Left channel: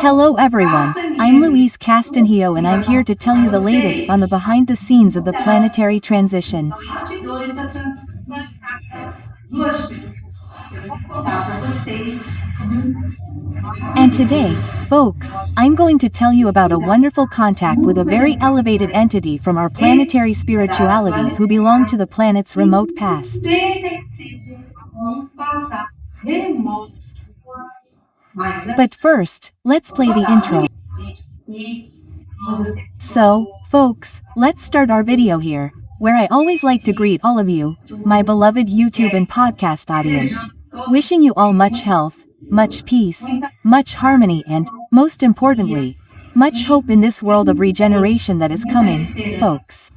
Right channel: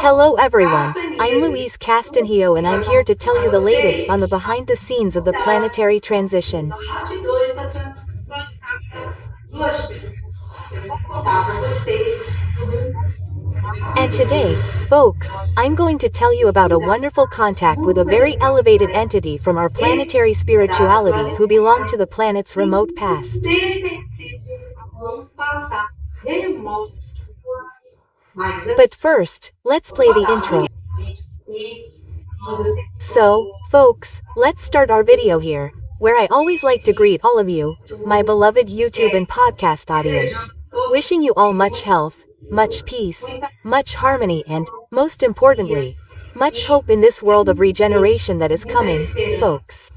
Hello everyone, I'm Louise Castanhedo and I'm here to tell you the latest on the behind the scenes of the planetary transition. Bastidores da transição planetária. Eu vou contar para vocês sobre And today, folks, I'm going to tell you about a wonderful contact with a very elevated entity from our planetary spirituality who belong to the planet's remote past. pertencido a passado remoto. But first, let's play the intro. So, folks, let's start our video here, where I always like to greet all of you, my beloved YouTube and podcast audience. Wishing you all much health, much peace, much harmony and, most importantly, much hope in this world of regeneration that is coming, folks.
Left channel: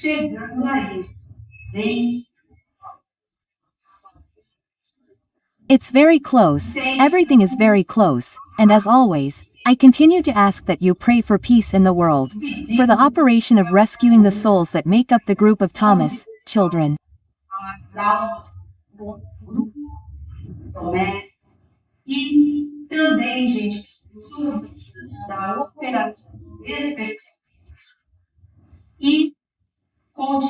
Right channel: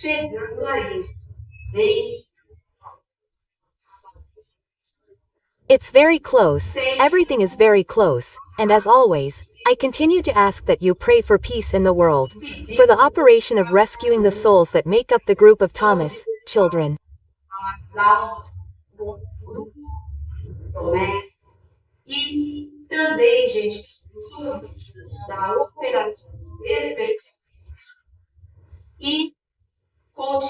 Chegando aí, vem. It's very close, everything is very close, and as always, I continue to ask that you pray for peace in the world, for the operation of rescuing the souls that make up the group of Thomas, children. E também, gente, suas da operação e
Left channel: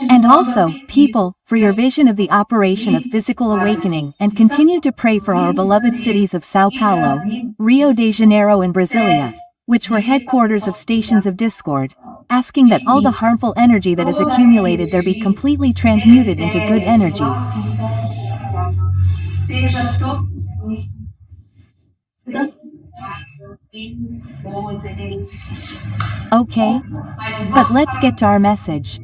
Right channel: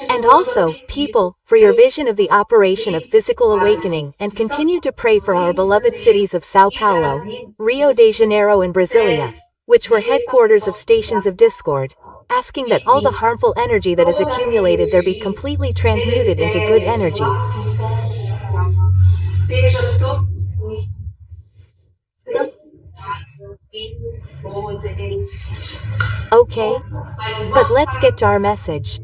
And also, people, for your vision of the operation of physical awakening and continue to pray for our beloved cities of Sao Paulo, Rio de Janeiro and Brasilia, which were headquarters of stations of discord, asking that all the harmful energy that is accumulated there be completely transmuted into good energies. seja todo Okay? But let's get to our message.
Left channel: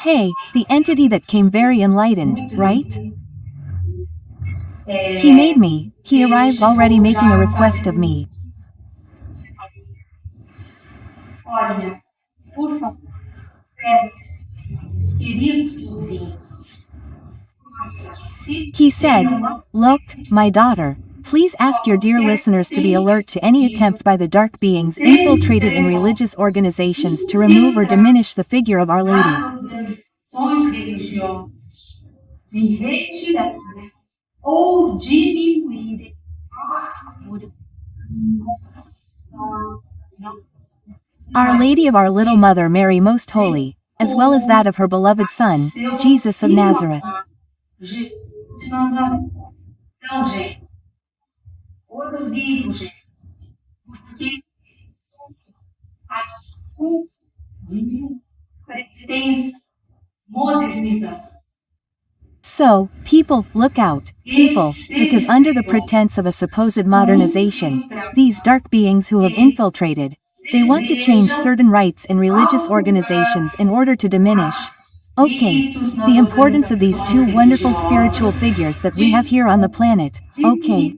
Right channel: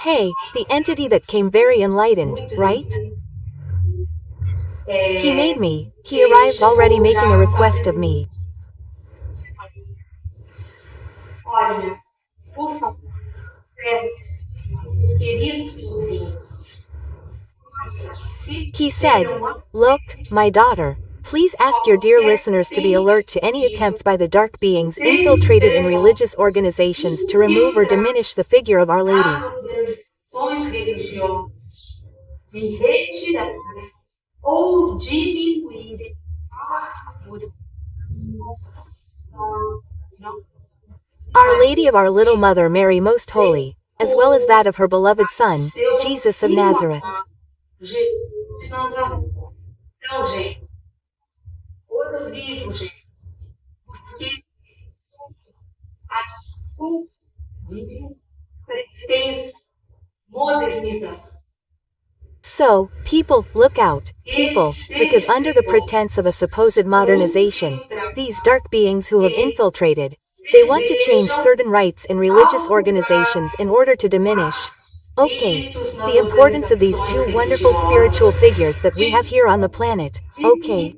Hey, the entity that came very enlightened, right? He made me, he arrived already making a request of me. Olha, por favor, queridos ouvintes, He said, "Look, my daughter, please ask your dear listeners to be alert to any attempt by the dark beings infiltrated in religious organizations to remove or diminish the figure of Our Lady." organizações religiosas de retirar ou diminuir a figura Our Lady of our Little Mother Mary Most Holy, as well as that of her beloved Son, Jesus of Nazareth. Jesus de Nazaré. Então, gente, outro livro, gente, porque a desculpa pretende modernização. So, people, look out, people, because under the pretense of a supposed modernization, these dark beings who have infiltrated, they want to change certain rites in religious organizations in order to diminish, okay, the importance of these two wonderful spiritual figures that we have here on the planet, okay.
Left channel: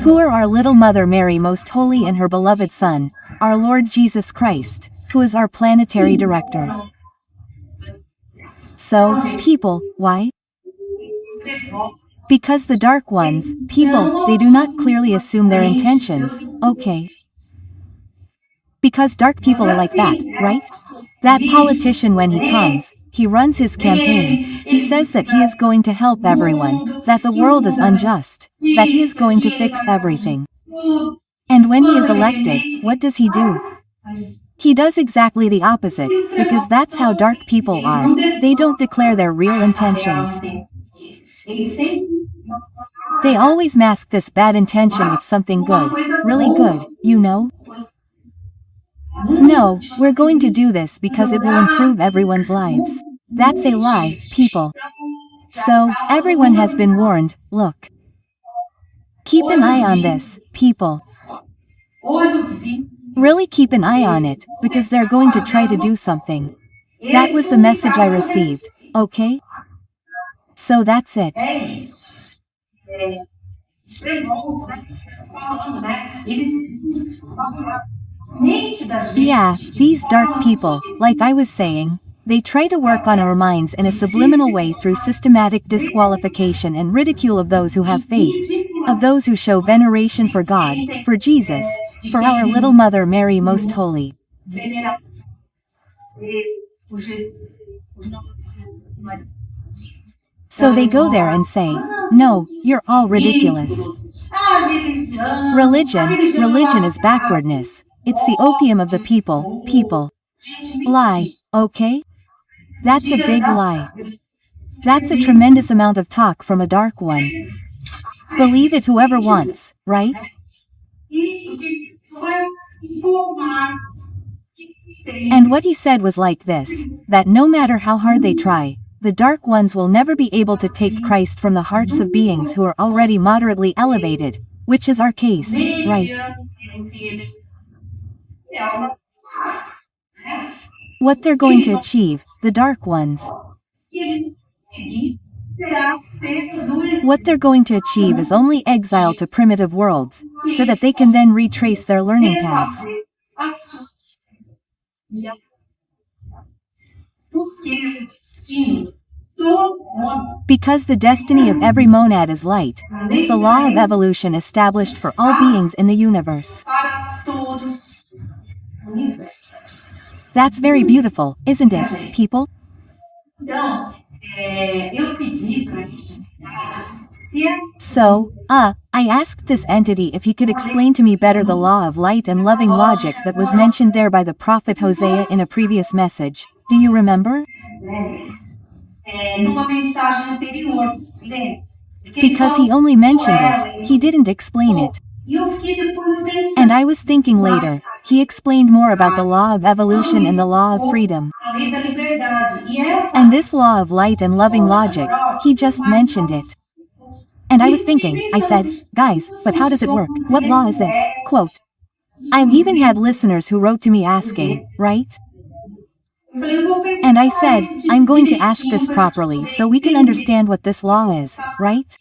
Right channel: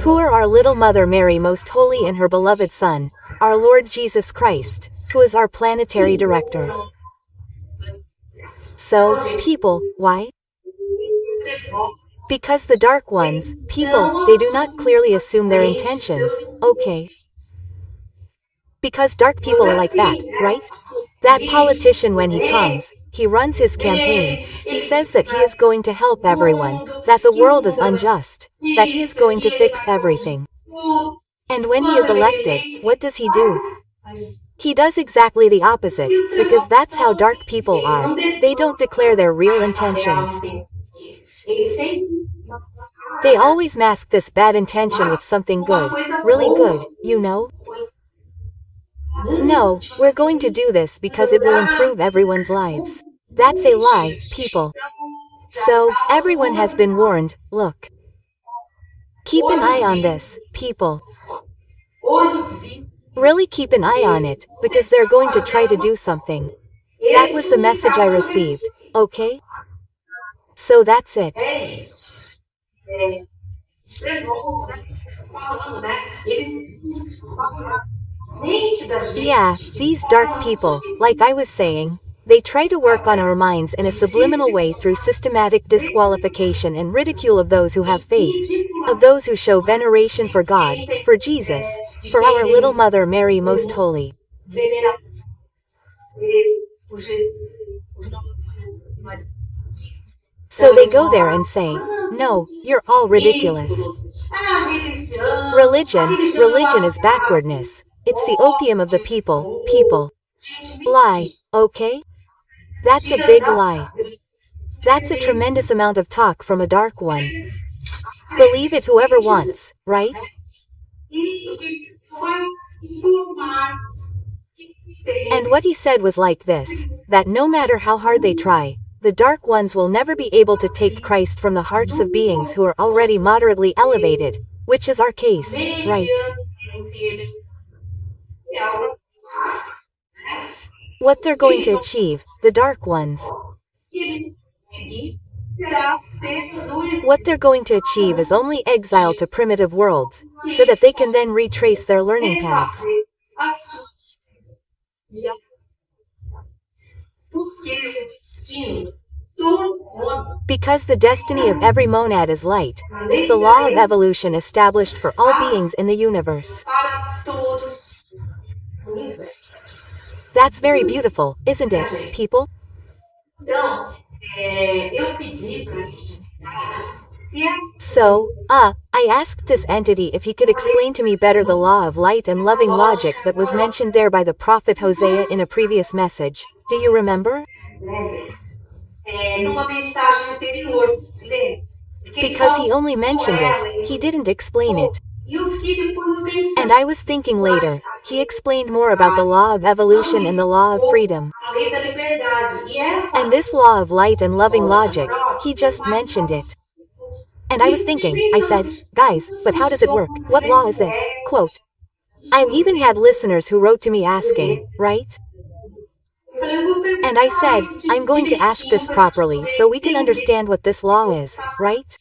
Who are our little Mother Mary Most Holy and her beloved Son, our Lord Jesus Christ, who is our planetary director. So, people, why? Because the dark ones, people, they do not clearly assume their intentions, okay? Because dark people are like that, right? That politician when he comes, he runs his campaign, he says that he is going to help everyone, that the world is unjust, that he is going to fix everything. And when he is elected, what does he do? He does exactly the opposite, because that's how dark people are, they don't declare their real intentions. They always mask this bad intention with something good, really good, you know? No, we're going to do this because it will improve everyone's lives. That's a lie, people. So, everyone has been warned, look. Keep an eye on this, people. Really keep an eye on it, because they're going to try to do something. That was the message I received, okay? So that's it. Yeah, these dark people, like I was saying, they try to work on our minds in a subliminal way through systematic disqualification and ridicule of those who have faith. of those who show veneration for God, for Jesus, for our little Mother Mary Most Holy. Veneração por Jesus, por Nossa Senhora. So they go there and say, "No, you're all ridiculous. Religion is backwardness. It's the opium of the people. Lie, okay? That's a big lie. That's a tremendous amount of talk from a dark one. Believe it whoever wants, right?" And what he said was like this, that no matter how hard they try, the dark ones will never be able to take Christ from the hearts of beings who are already moderately elevated, which is our case, right? What they're going to achieve, the dark ones. What they're going to achieve is only exile to primitive worlds, so that they can then retrace their learning paths. Because the destiny of every monad is light, it's the law of evolution established for all beings in the universe. That's very beautiful, isn't it, people? So, I asked this entity if he could explain to me better the law of light and loving logic that was mentioned there by the prophet Hosea in a previous message. Do you remember? Because he only mentioned it, he didn't explain it. And I was thinking later, he explained more about the law of evolution and the law of freedom. And this law of light and loving logic, he just mentioned it. And I was thinking, I said, guys, but how does it work? What law is this? Quote. I've even had listeners who wrote to me asking, right? And I said, I'm going to ask this properly so we can understand what this law is, right?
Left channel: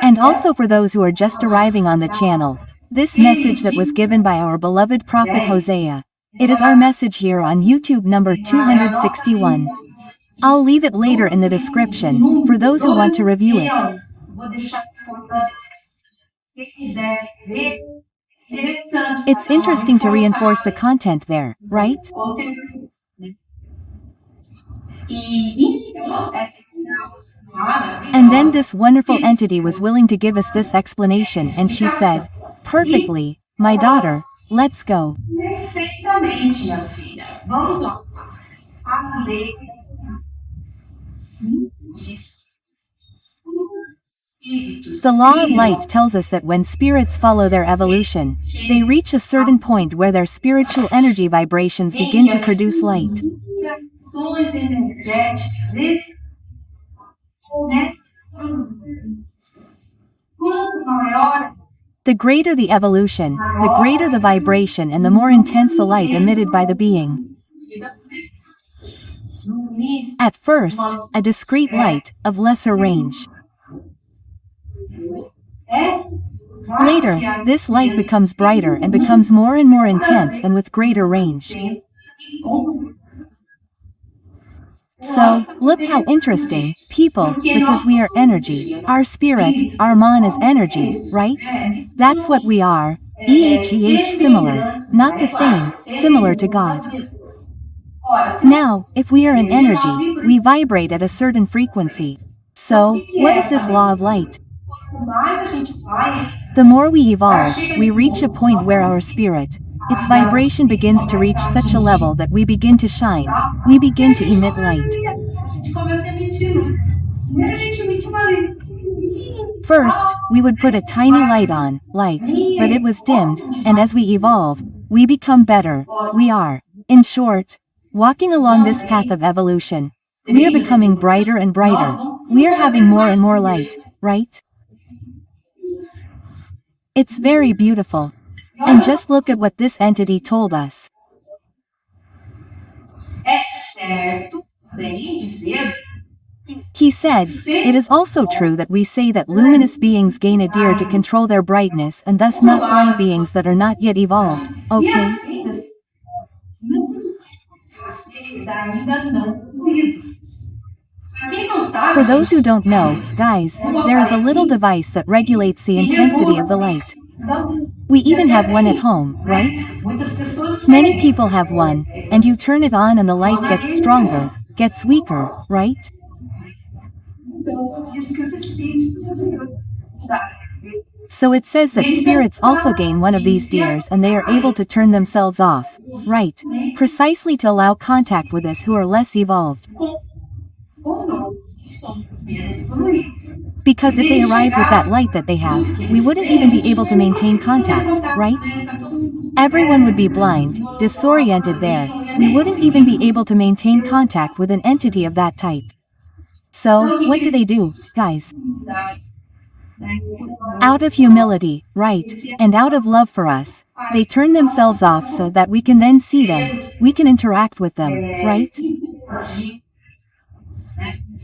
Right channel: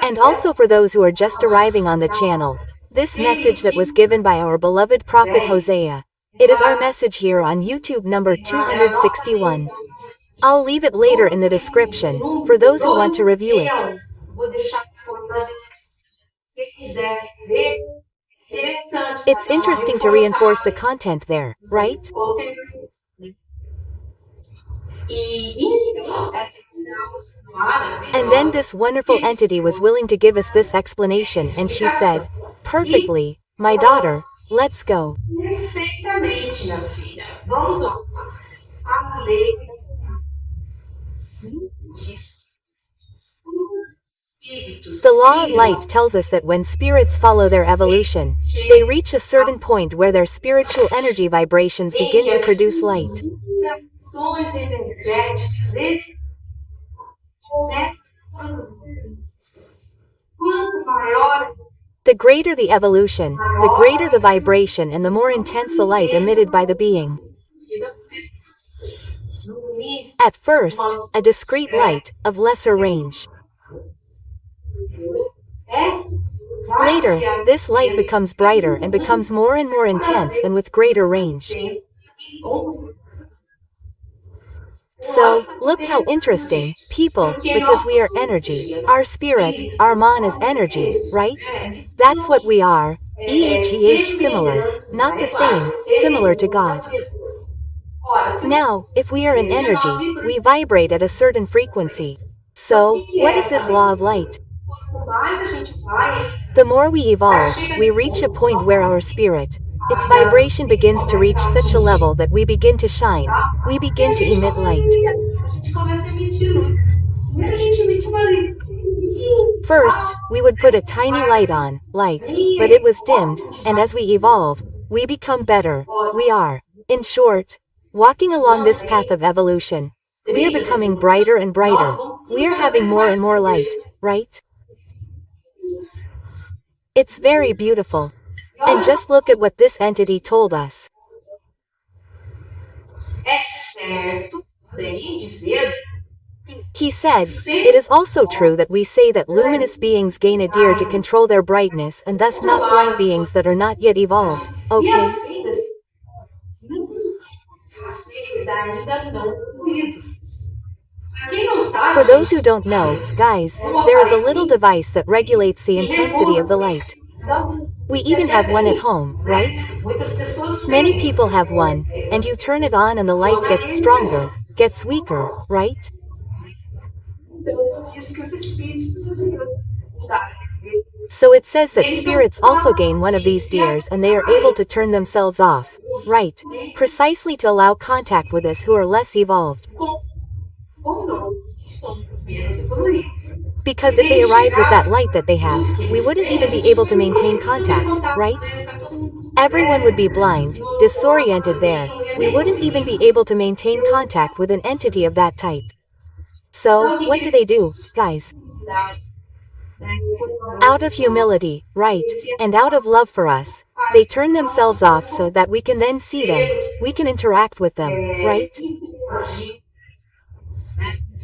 And also for those who are just arriving on the channel, this message that was given by our beloved prophet Hosea. It is our message here on YouTube number 261. I'll leave it later in the description, for those who want to review it. It's interesting to reinforce the content there, right? And then this wonderful entity was willing to give us this explanation and she said, perfectly, my daughter, let's go. The law of light tells us that when spirits follow their evolution, they reach a certain point where their spiritual energy vibrations begin to produce light. The greater the evolution, the greater the vibration and the more intense the light emitted by the being. At first, a discrete light, of lesser range. Later, this light becomes brighter and becomes more and more intense and with greater range. So, look how interesting, people, because we are energy, our spirit, our man is energy, right? That's what we are, similar, not the same, similar to God. Now, if we are an energy, we vibrate at a certain frequency. So, what is this law of light? The more we evolve, we reach a point where our spirit, its vibration begins to reach such a level that we begin to shine, we begin to emit light. First, we would put a tiny light on, but it was dimmed, and as we evolve, we become better, we are, in short, walking along this path of evolution. We are becoming brighter and brighter, we are having more and more light, right? It's very beautiful. And just look at what this entity told us. He said, it is also true that we say that luminous beings gain a deer to control their brightness and thus not blind beings that are not yet evolved, okay? Quem não sabe, For those who don't know, guys, there is a little device that regulates the intensity of the light. We even have one at home, right? muitas pessoas Many têm. people have one, and you turn it on and the light gets stronger, gets weaker, right? Então, diz que os espíritos So it says that spirits also gain one of these gears and they are able to turn themselves off, right? Precisely to allow contact with us who are less evolved. com nós, que somos menos evoluídos. Because if they arrived with that light that they have, we wouldn't even be able to maintain contact, right? Everyone would be blind, disoriented there. We wouldn't even be able to maintain contact with an entity of that type. So, what do, guys? Out of humility, right, and out of love for us, they turn themselves off so that we can then see them, we can interact with them, right?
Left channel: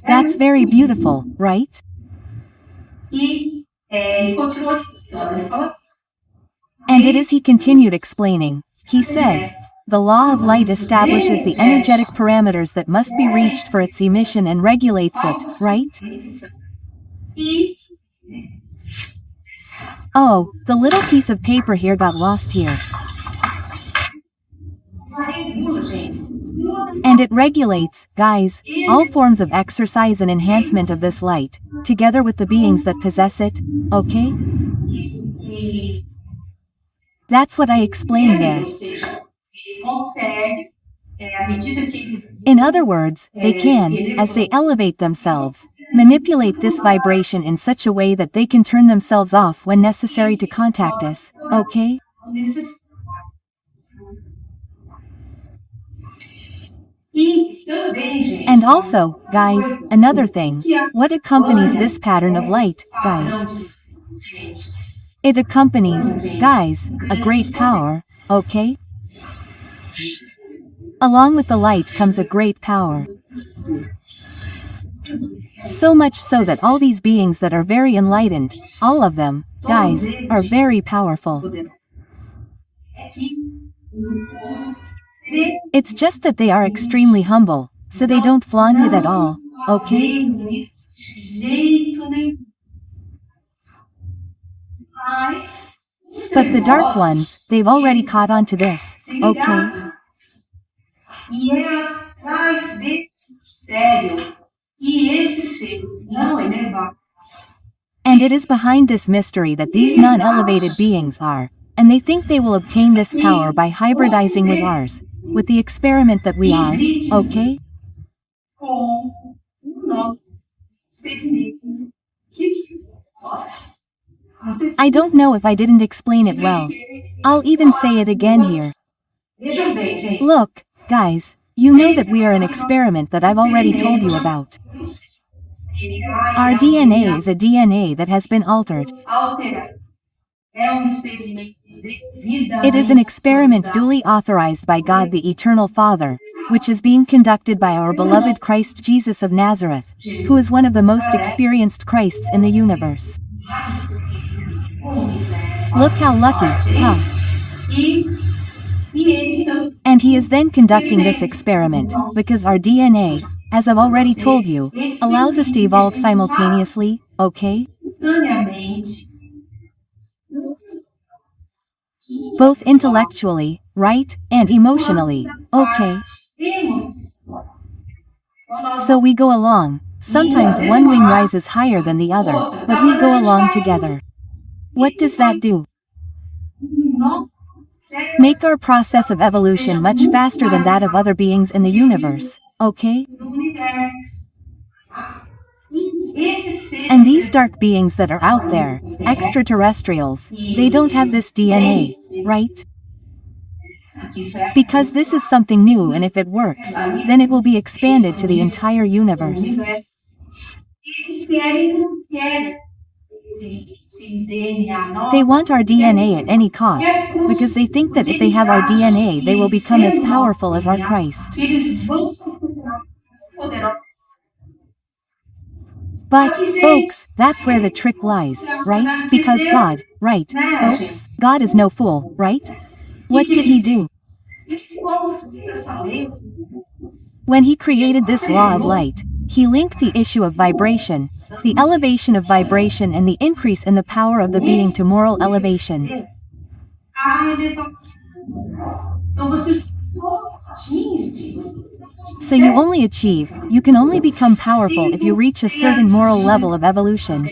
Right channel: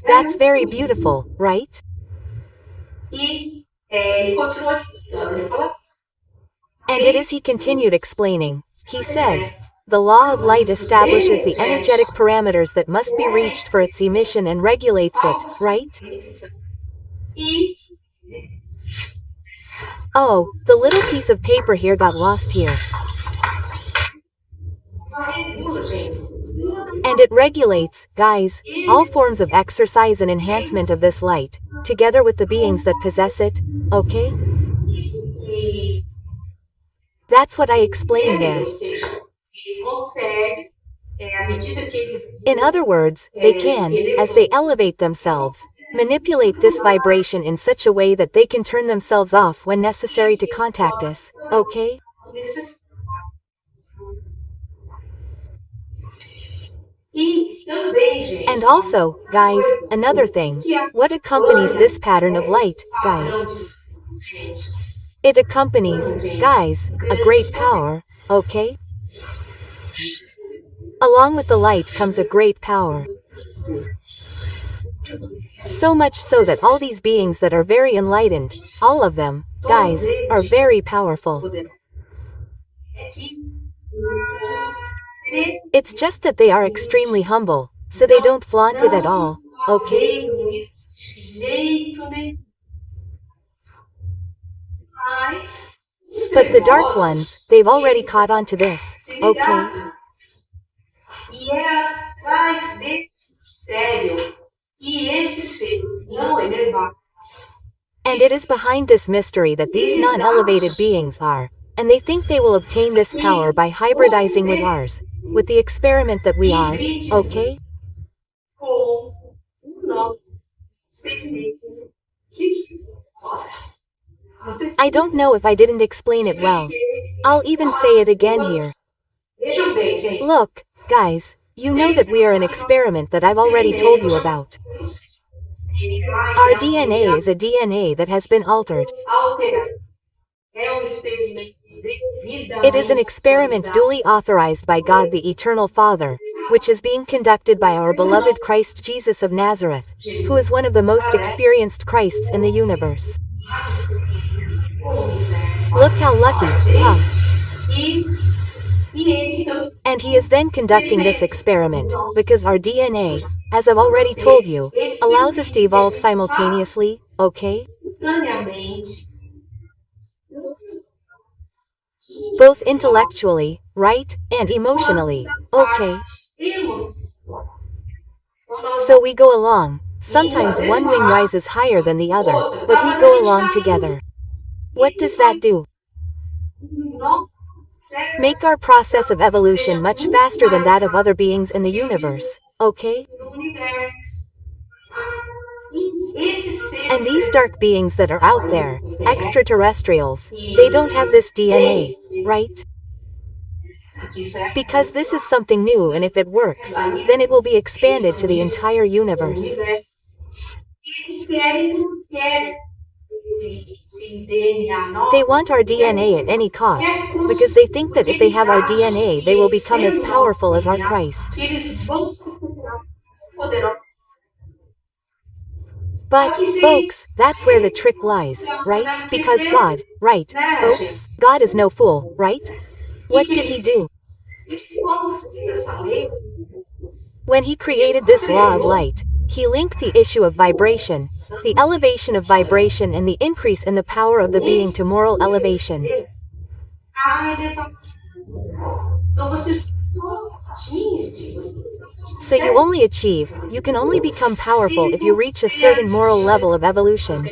That's very beautiful, right? Ele continua citando, ele fala And it is he continued explaining. He says, the law of light establishes the energetic parameters that must be reached for its emission and regulates it, right? e Oh, the little piece of paper here got lost here. regula, gente. And it regulates, guys, all forms of exercise and enhancement of this light, together with the beings that possess it, okay? E That's what I explained there. ou seja, eles conseguem, à medida que eles In other words, they can, as they elevate themselves, manipulate this vibration in such a way that they can turn themselves off when necessary to contact us, okay? E também, gente, And also, guys, another thing. What accompanies this pattern of light, guys? gente, It accompanies, guys, a great power, okay? Along with the light comes a great power. So much so that all these beings that are very enlightened, all of them, guys, are very powerful. It's just that they are extremely humble, so they don't flaunt it at all, okay? jeito nenhum. Mas, But the dark ones, they've already caught on to this, okay? E é atrás desse mistério que esses seres não elevados And it is behind this mystery that these non-elevated beings are, and they think they will obtain this power by hybridizing with ours, with the experiment that we are, okay? com o nosso segredo que somos. Vocês I don't know if I didn't explain it well. I'll even say it again here. vejam bem, gente. Look, guys, you know that we are an experiment that I've already told you about. Our DNA is a DNA that has been altered. Alterar. É experimento devidamente It is an experiment duly authorized by God the Eternal Father, which is being conducted by our beloved Christ Jesus of Nazareth, who is one of the most experienced Christs in the universe. Look how lucky, huh? E ele, então, And he is then conducting this experiment, because our DNA, as I've already told you, allows us to evolve simultaneously, okay? simultaneamente, Both intellectually, right, and emotionally, okay? temos So we go along. Sometimes one wing rises higher than the other, but we go along together. What does that do? não Make our process of evolution much faster than that of other beings in the universe, okay? do universo. E esses seres And these dark beings that are out there, extraterrestrials, they don't have this DNA, right? que isso é Because this is something new, and if it works, then it will be expanded to the entire o universe. universo. Eles querem, não querem esse DNA nosso. They want our DNA at any cost, because they think that if they have our DNA, they will become as powerful as our Christ. Eles vão se tornar poderosos. But, folks, that's where the trick lies, right? Because God, right, folks, God is no fool, right? What did he do? E como fez essa lei? When he created this law of light, He linked the issue of vibration, the elevation of vibration and the increase in the power of the being to moral elevation. A elevação. Então você só atinge, So you only achieve, you can only become powerful if you reach a certain moral level of evolution.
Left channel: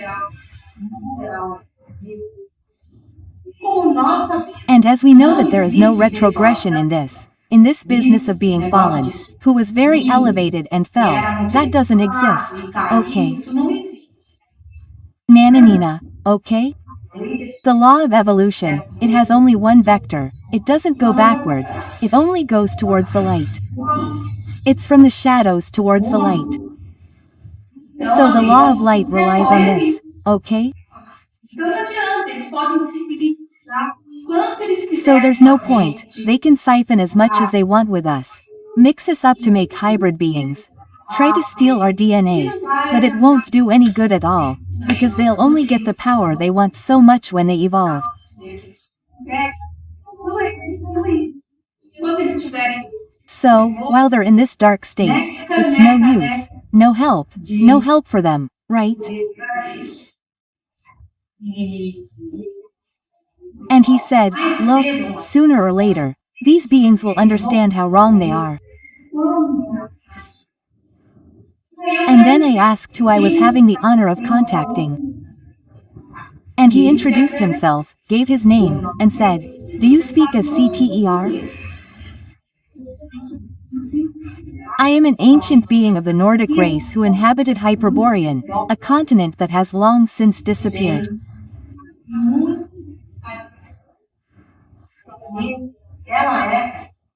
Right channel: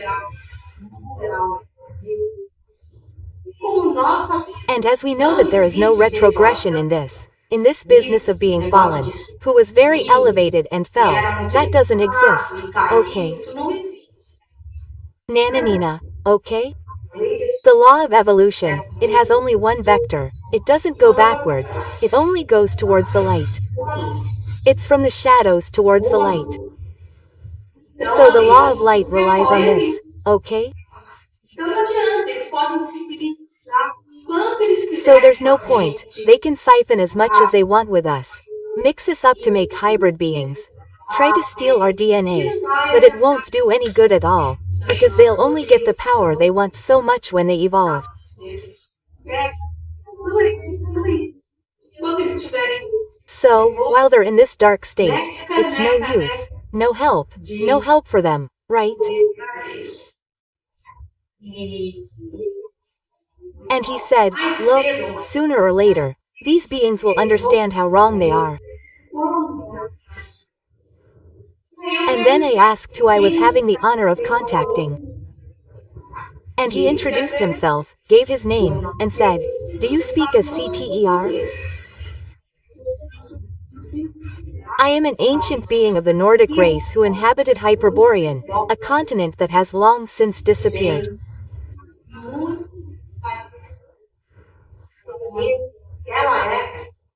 como nós sabemos, And as we know that there is no retrogression in this business of being fallen, who was very elevated and fell, that doesn't exist, okay? isso não existe. Nananina, okay? The law of evolution, it has only one vector, it doesn't go backwards, it only goes towards the light. It's from the shadows towards the light. So the law of light relies on this, okay? Então não adianta, eles podem se virar quanto eles quiserem. So there's no point, they can siphon as much as they want with us. Mix us up to make hybrid beings. Try to steal our DNA, but it won't do any good at all, because they'll only get the power they want so much when they evolve. Enquanto eles estiverem So, while they're in this dark state, it's no use, no help for them, right? And he said, look, sooner or later, these beings will understand how wrong they are. And then I asked who I was having the honor of contacting. And he introduced himself, gave his name, and said, do you speak as CTER? I am an ancient being of the Nordic race who inhabited Hyperborean, a continent that has long since disappeared.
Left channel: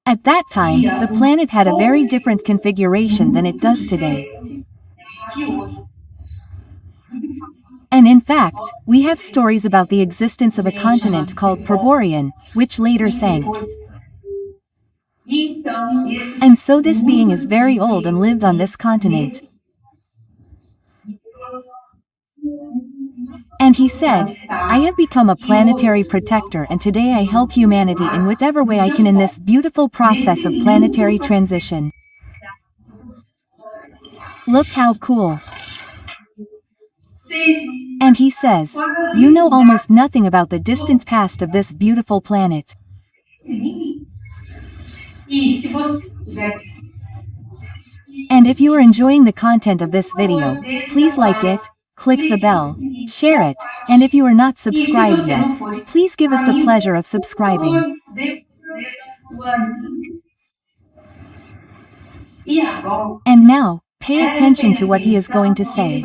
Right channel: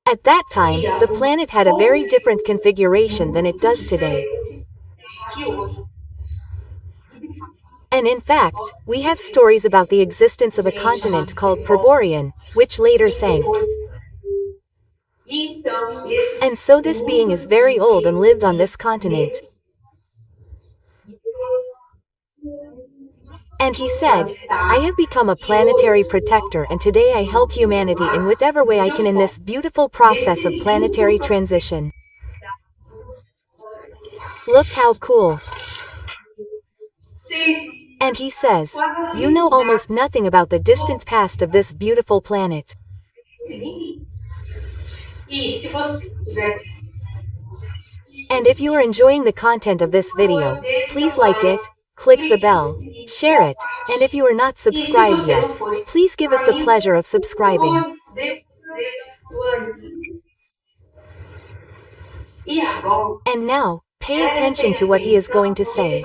At that time, the planet had a very different configuration than it does today. And in fact, we have stories about the existence of a continent called Hyperborean, which later sank. And so this being is very old and lived on this continent. And he said, I have become a planetary protector and today I help humanity in whatever way I can in this beautiful process of planetary transition. Look how cool. And he says, you know almost nothing about the distant past of this beautiful planet. And if you are enjoying the content of this video, please like it, click the bell, share it, and if you are not subscribed yet, please give us the pleasure of subscribing. And now, pay attention to what he is going to say.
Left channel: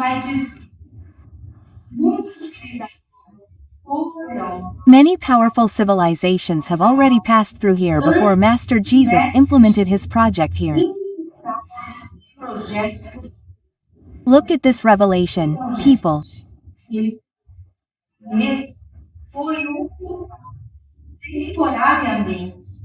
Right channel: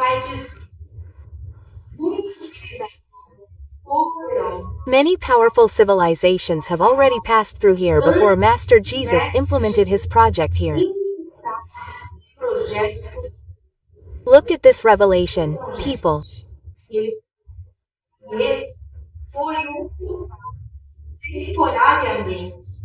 Many powerful civilizations have already passed through here before Master Jesus implemented his project here. Look at this revelation, people.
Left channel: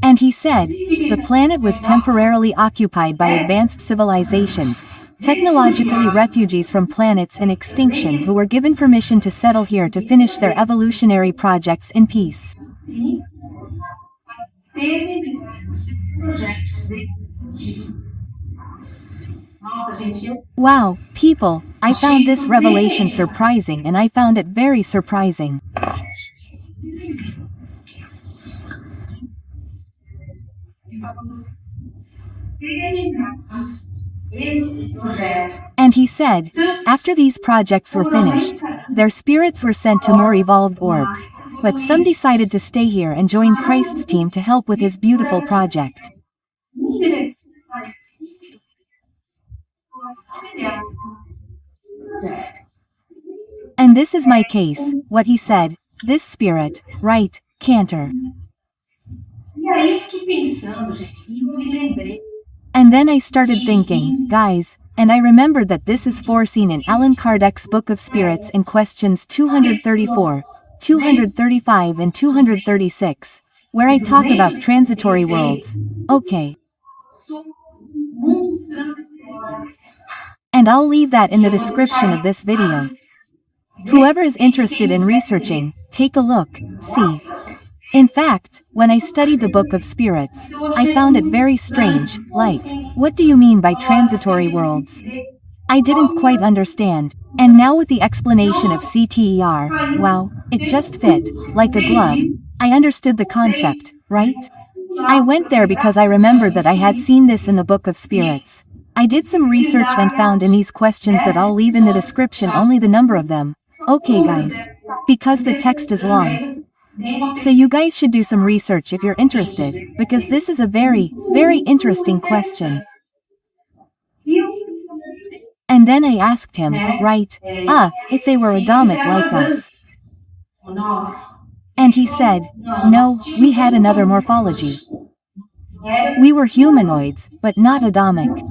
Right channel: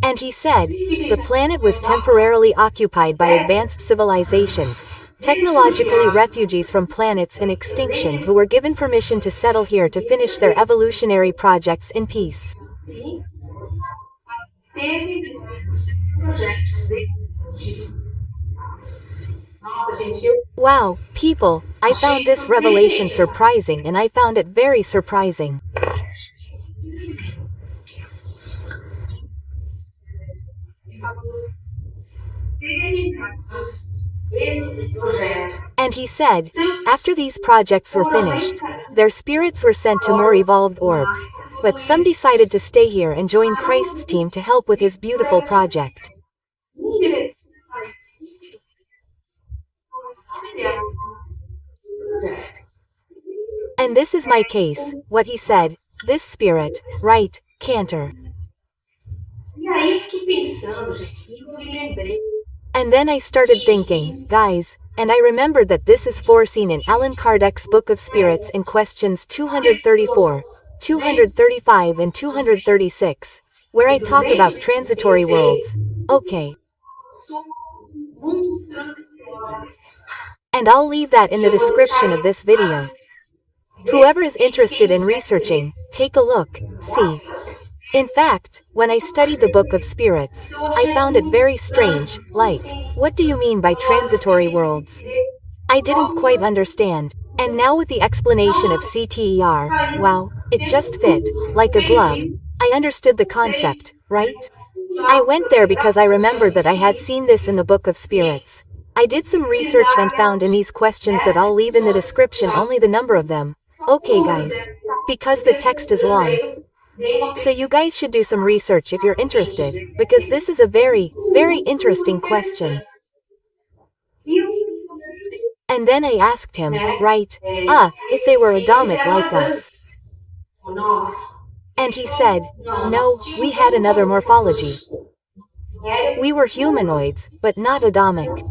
And he said, the planet was temporarily occupied by advanced civilizations, technologically refugees from planets in extinction who were given permission to settle here to finish their evolutionary projects in peace. Wow, people, I found this revelation surprising and I found it very surprising. And he said, after these projects were finished, their spirits were sent to more evolved orbs, but some decided to stay here and join Christ's team to help with his beautiful project. And this is my case, what he said, this spirit, right, Cantor. And then I started thinking, guys, and I remembered that this is foreseen in Allan Kardec's Book of Spirits in questions 234, 235 and 236, where I talk about transitory worlds. Okay. And I'll leave that in the description of this video. Whoever is interested in researching, take a look, see. In fact, when I studied the Book of Spirits, I found it very strange, like, what do you mean by transitory worlds? I didn't quite understand. And now with the explanation of CTER, wow, it just fit, like a glove. I understood the concept, right? I went there because I remembered that I had seen this in the Book of Spirits. I did some research and found in these questions that I'll leave in the description only the number of them. Okay guys. Because the text is long. So you guys should do some research if you're interested, because this is a very, very interesting question. And then I asked him, right, if they were Adamic like us. And he said, no, we had another morphology. We were humanoids, but not Adamic.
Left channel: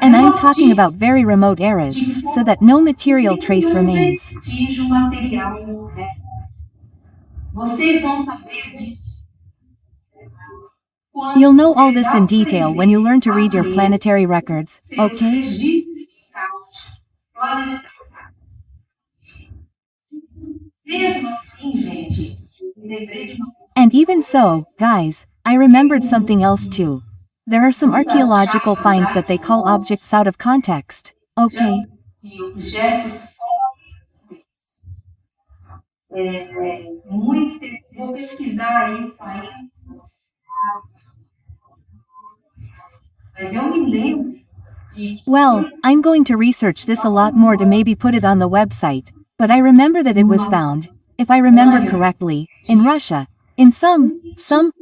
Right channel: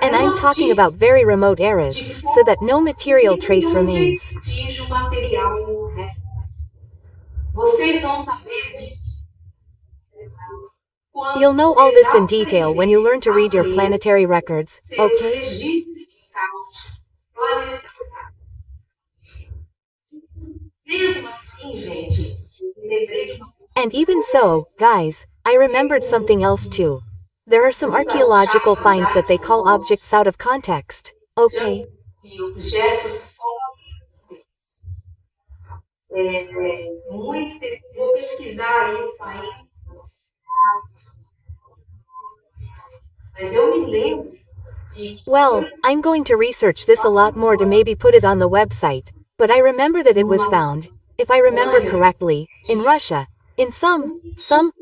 And I'm talking about very remote eras, so that no material trace remains. You'll know all this in detail when you learn to read your planetary records, okay? And even so, guys, I remembered something else too. There are some archaeological finds that they call objects out of context, okay? Well, I'm going to research this a lot more to maybe put it on the website, but I remember that it was found, if I remember correctly, in Russia, in some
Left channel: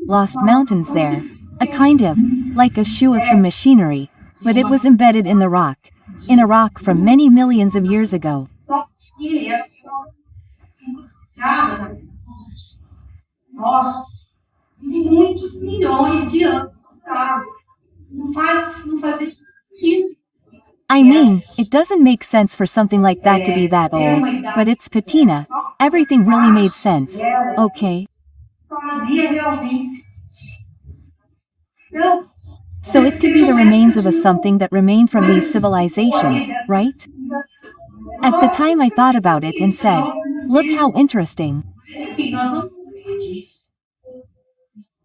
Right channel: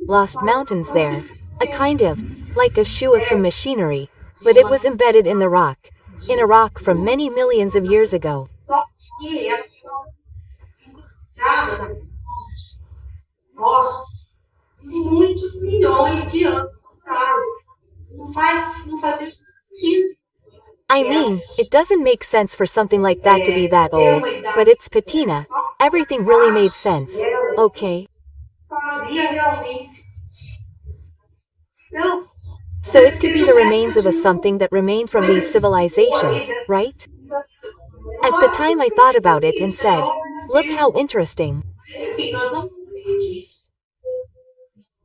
lost mountains there. A kind of, like a shoe of some machinery, but it was embedded in the rock. In a rock from many millions of years ago. I mean, it doesn't make sense for something like that to be that old, but it's patina. Everything really made sense, okay? So it could be the remains of a something that remained from these civilizations, right? At the time I thought about it and said, look how interesting.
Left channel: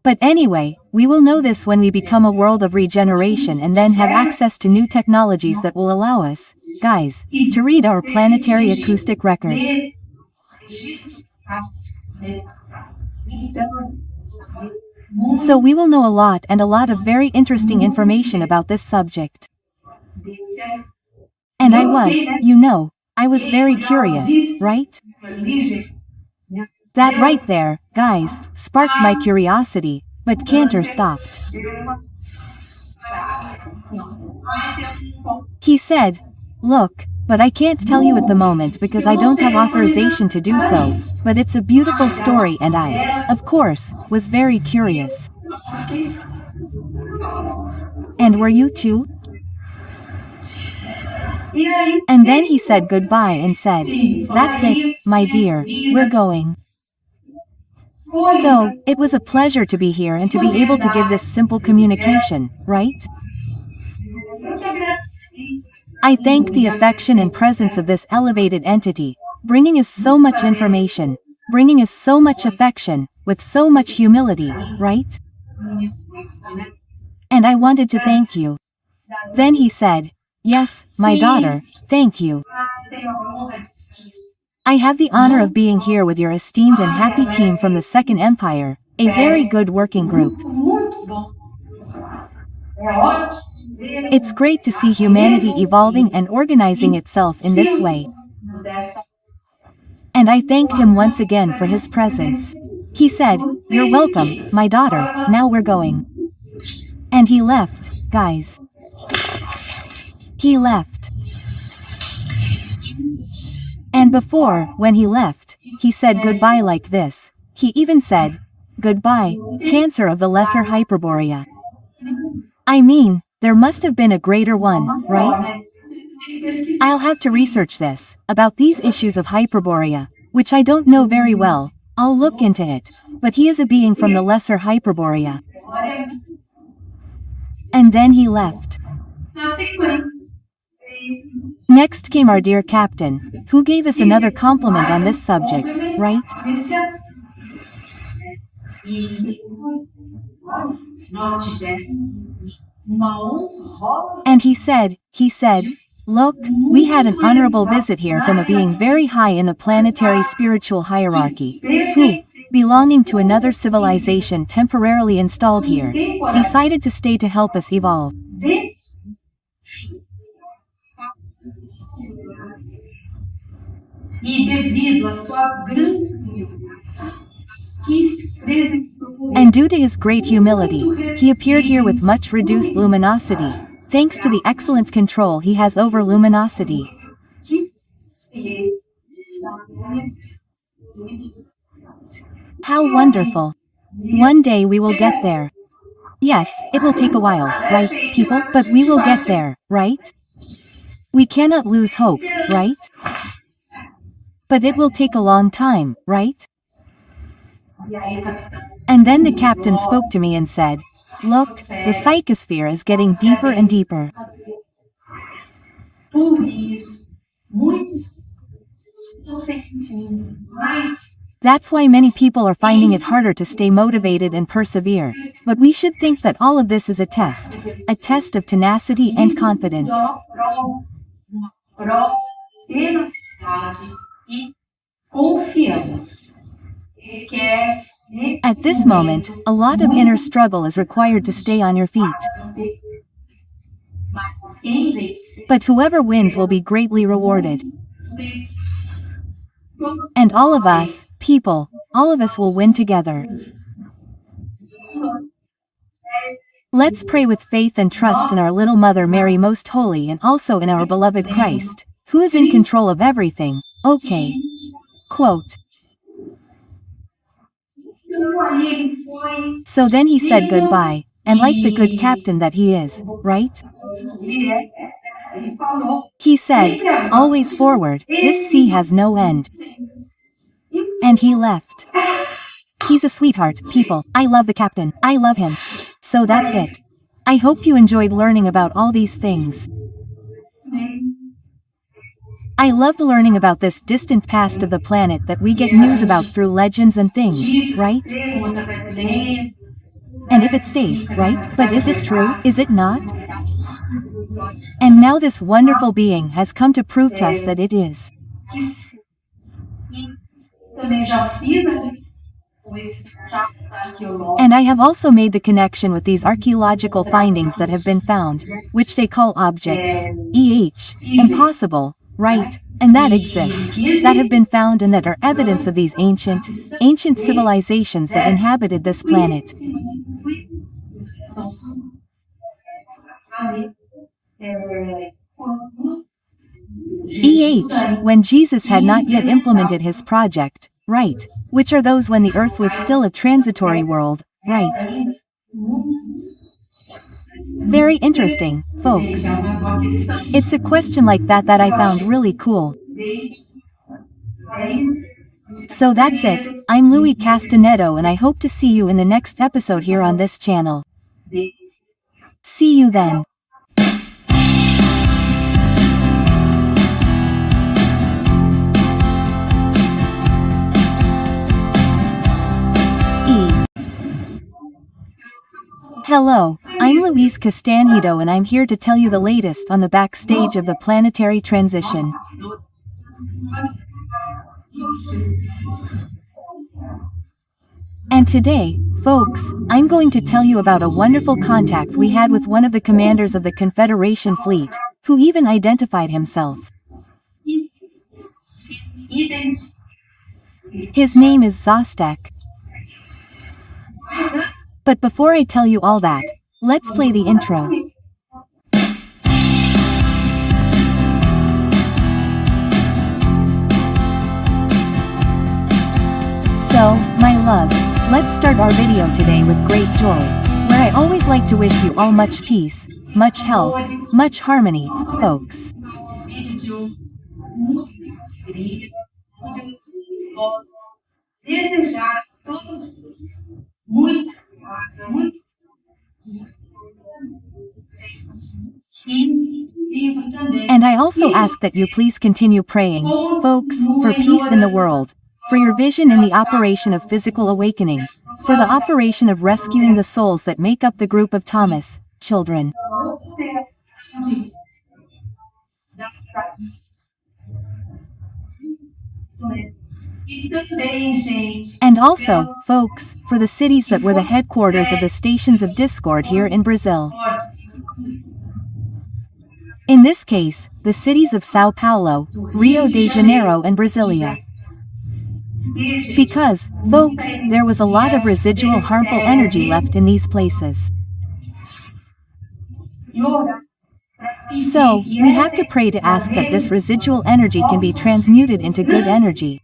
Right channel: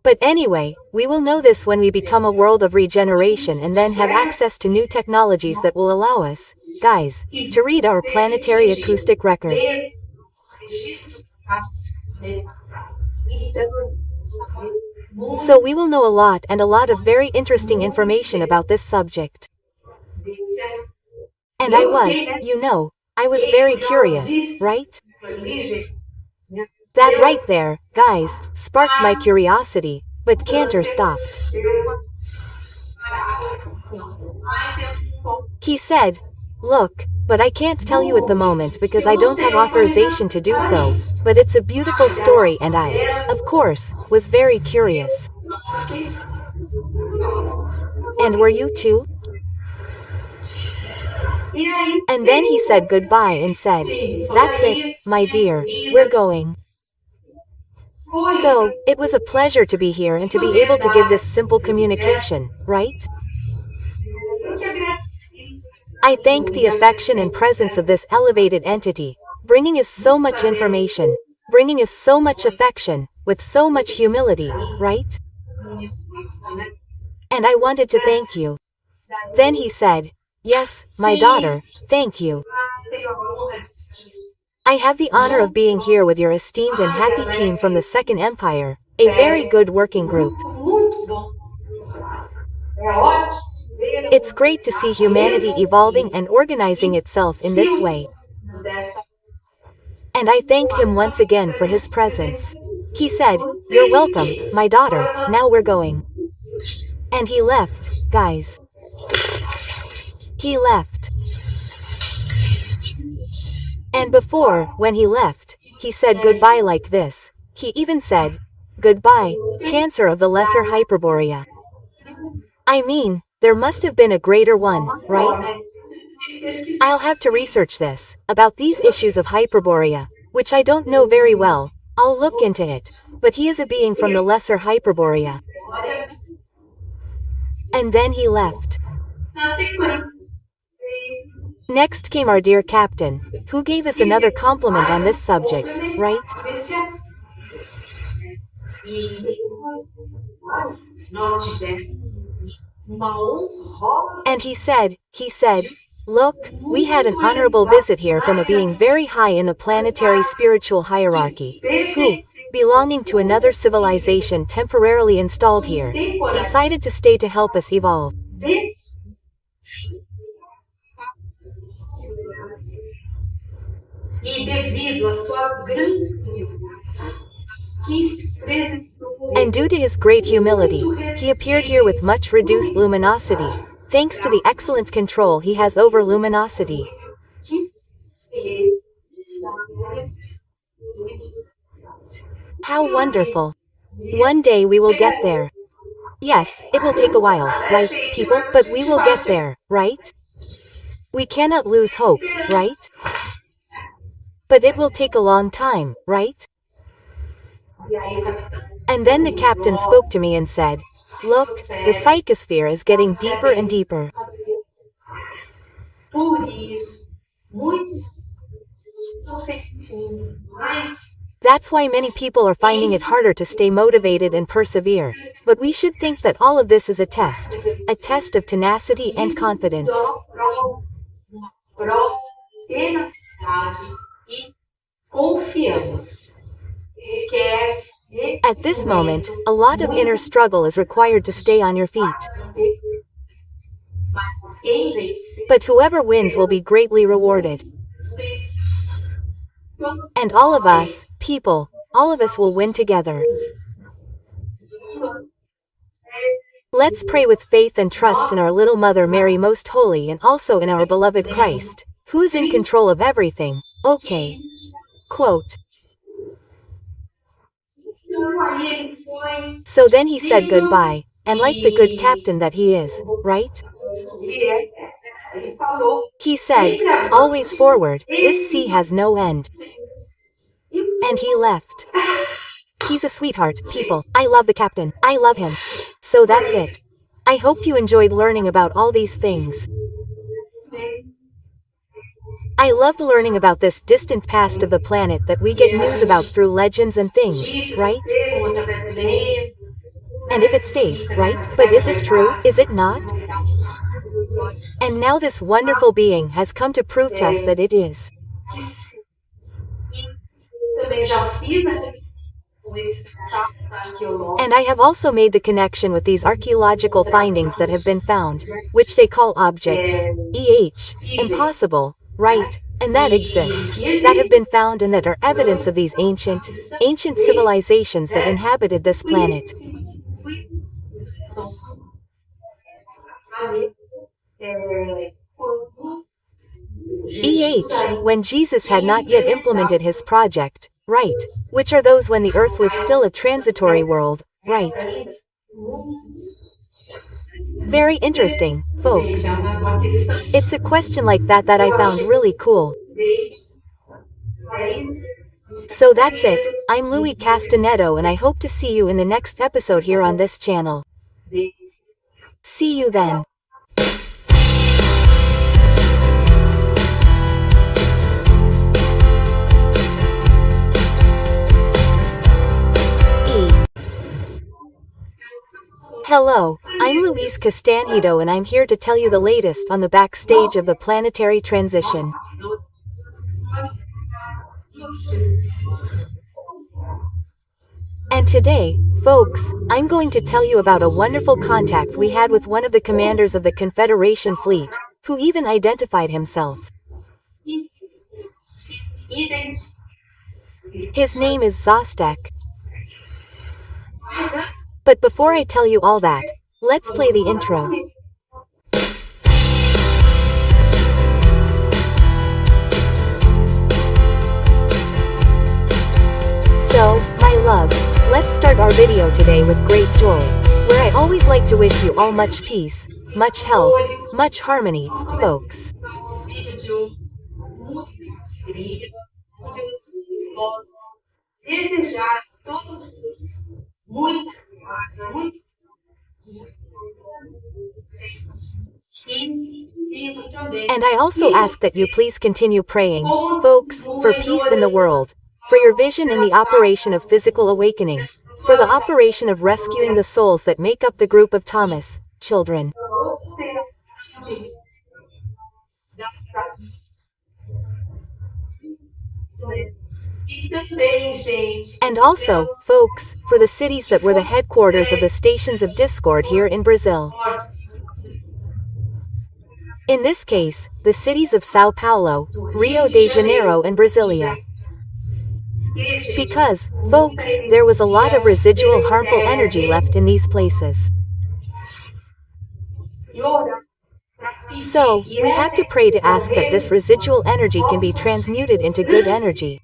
But anyway, we will know this when we become a world of regeneration and then have access to new technologies that will allow us, guys, to read our planetary acoustic records. So we will know a lot and a lot of very interesting information about this subject. And I was, I was very curious, right? That right there, guys, sparked my curiosity, but Cantor stopped. He said, look, but I can't tell you at the moment because I don't have authorization to do so, but it's a beautiful story and I, of course, was very curious. And were you too? And then he said goodbye and said, that's it, my dear, we're going. So, it was a pleasure to be here and to be able to give this simple communication, right? I thank the affection and presence of this elevated entity, bringing us so much information, bringing us so much affection, with so much humility, right? And I wanted to thank you. Then he said, yes, my daughter, thank you. I have the honor of being here with your esteemed and happy team from the Second Empire, a very good working group. It's great to see humanity evolving and organizing itself in this way. And I thanked him once again for his presence. He said, you're welcome, my daughter, now we're going. And he left, guys. He left. And before, when he left, he said goodbye like this. He even said, goodbye, Cancer of the Lesser Hyperborea. I mean, there must have been a greater one, right? I'll have to research this, about these issues of Hyperborea, which I don't know very well. I'll look into it, but he is a being from the Lesser Hyperborea. And then he left. Next came our dear captain, who gave us another compliment on this subject, right? uma honrosa And he said, look, we had an honorable visit here from a being very high in the planetary spiritual hierarchy, who, belonging to another civilization temporarily installed here, decided to stay to help us evolve. desse e devido à sua grande humildade, que se presentou And due to his great humility, he appeared here with much reduced luminosity, thanks to the excellent control he has over luminosity. que How wonderful! One day we will get there. Yes, it will take a while, right, people? But we will get there, right? We cannot lose hope, right? But it will take a long time, right? E aí o capitão And then the captain spoke to me and said, look, the psychosphere is getting deeper and deeper. por isso, muitos estão sentindo mais That's why many people are finding it harder to stay motivated and persevere. But we should think that all of this is a test of tenacity and confidence. uma prova de tenacidade e confiança. Requer At this moment, a lot of inner struggle is required to stay on your feet. mas quem vencer But whoever wins will be greatly rewarded. And all of us, people, all of us will win together. Let's pray with faith and trust in our little Mother Mary Most Holy and also in our beloved Christ, who is in control of everything. Okay. Quote. aí ele foi So then he said goodbye, and like the good captain that he is, right? ele falou He said, always forward, this sea has no end. And he left. He's a sweetheart, people. I love the captain. I love him. So that's it. I hope you enjoyed learning about all these things. I loved learning about this distant past of the planet that we get news about through legends and things, right? And if it stays, right? But is it true? Is it not? And now this wonderful being has come to prove to us that it is. também já fiz com esses traços arqueológicos. And I have also made the connection with these archaeological findings that have been found, which they call objects, impossible, right, and that exist, that have been found and that are evidence of these ancient civilizations that inhabited this planet. When Jesus had not yet implemented his project, right, which are those when the earth was still a transitory world, right? Very interesting, folks. It's a question like that that I found really cool. So that's it, I'm Louise Castanhedo and I hope to see you in the next episode here on this channel. See you then. Hello, I'm Louise Castanhedo and I'm here to tell you the latest on the backstage of the planetary transition. And today, folks, I'm going to tell you about a wonderful contact we had with one of the commanders of the Confederation fleet, who even identified himself. His name is Zostak. But before I tell you all that, let's play the intro. So, my loves, let's start our video today with great joy, where I always like to wish you all much peace, much health, much harmony, folks. And I also ask that you please continue praying, folks, for peace in the world, for your vision in the operation of physical awakening, for the operation of rescuing the souls that make up the group of Thomas, children. E também, gente, And also, folks, for the cities that were the headquarters of the stations of discord here in Brazil. In this case, the cities of Sao Paulo, Rio de Janeiro and Brasilia. Because, folks, there was a lot of residual harmful energy left in these places. So, we have to pray to ask that this residual energy can be transmuted into good energy.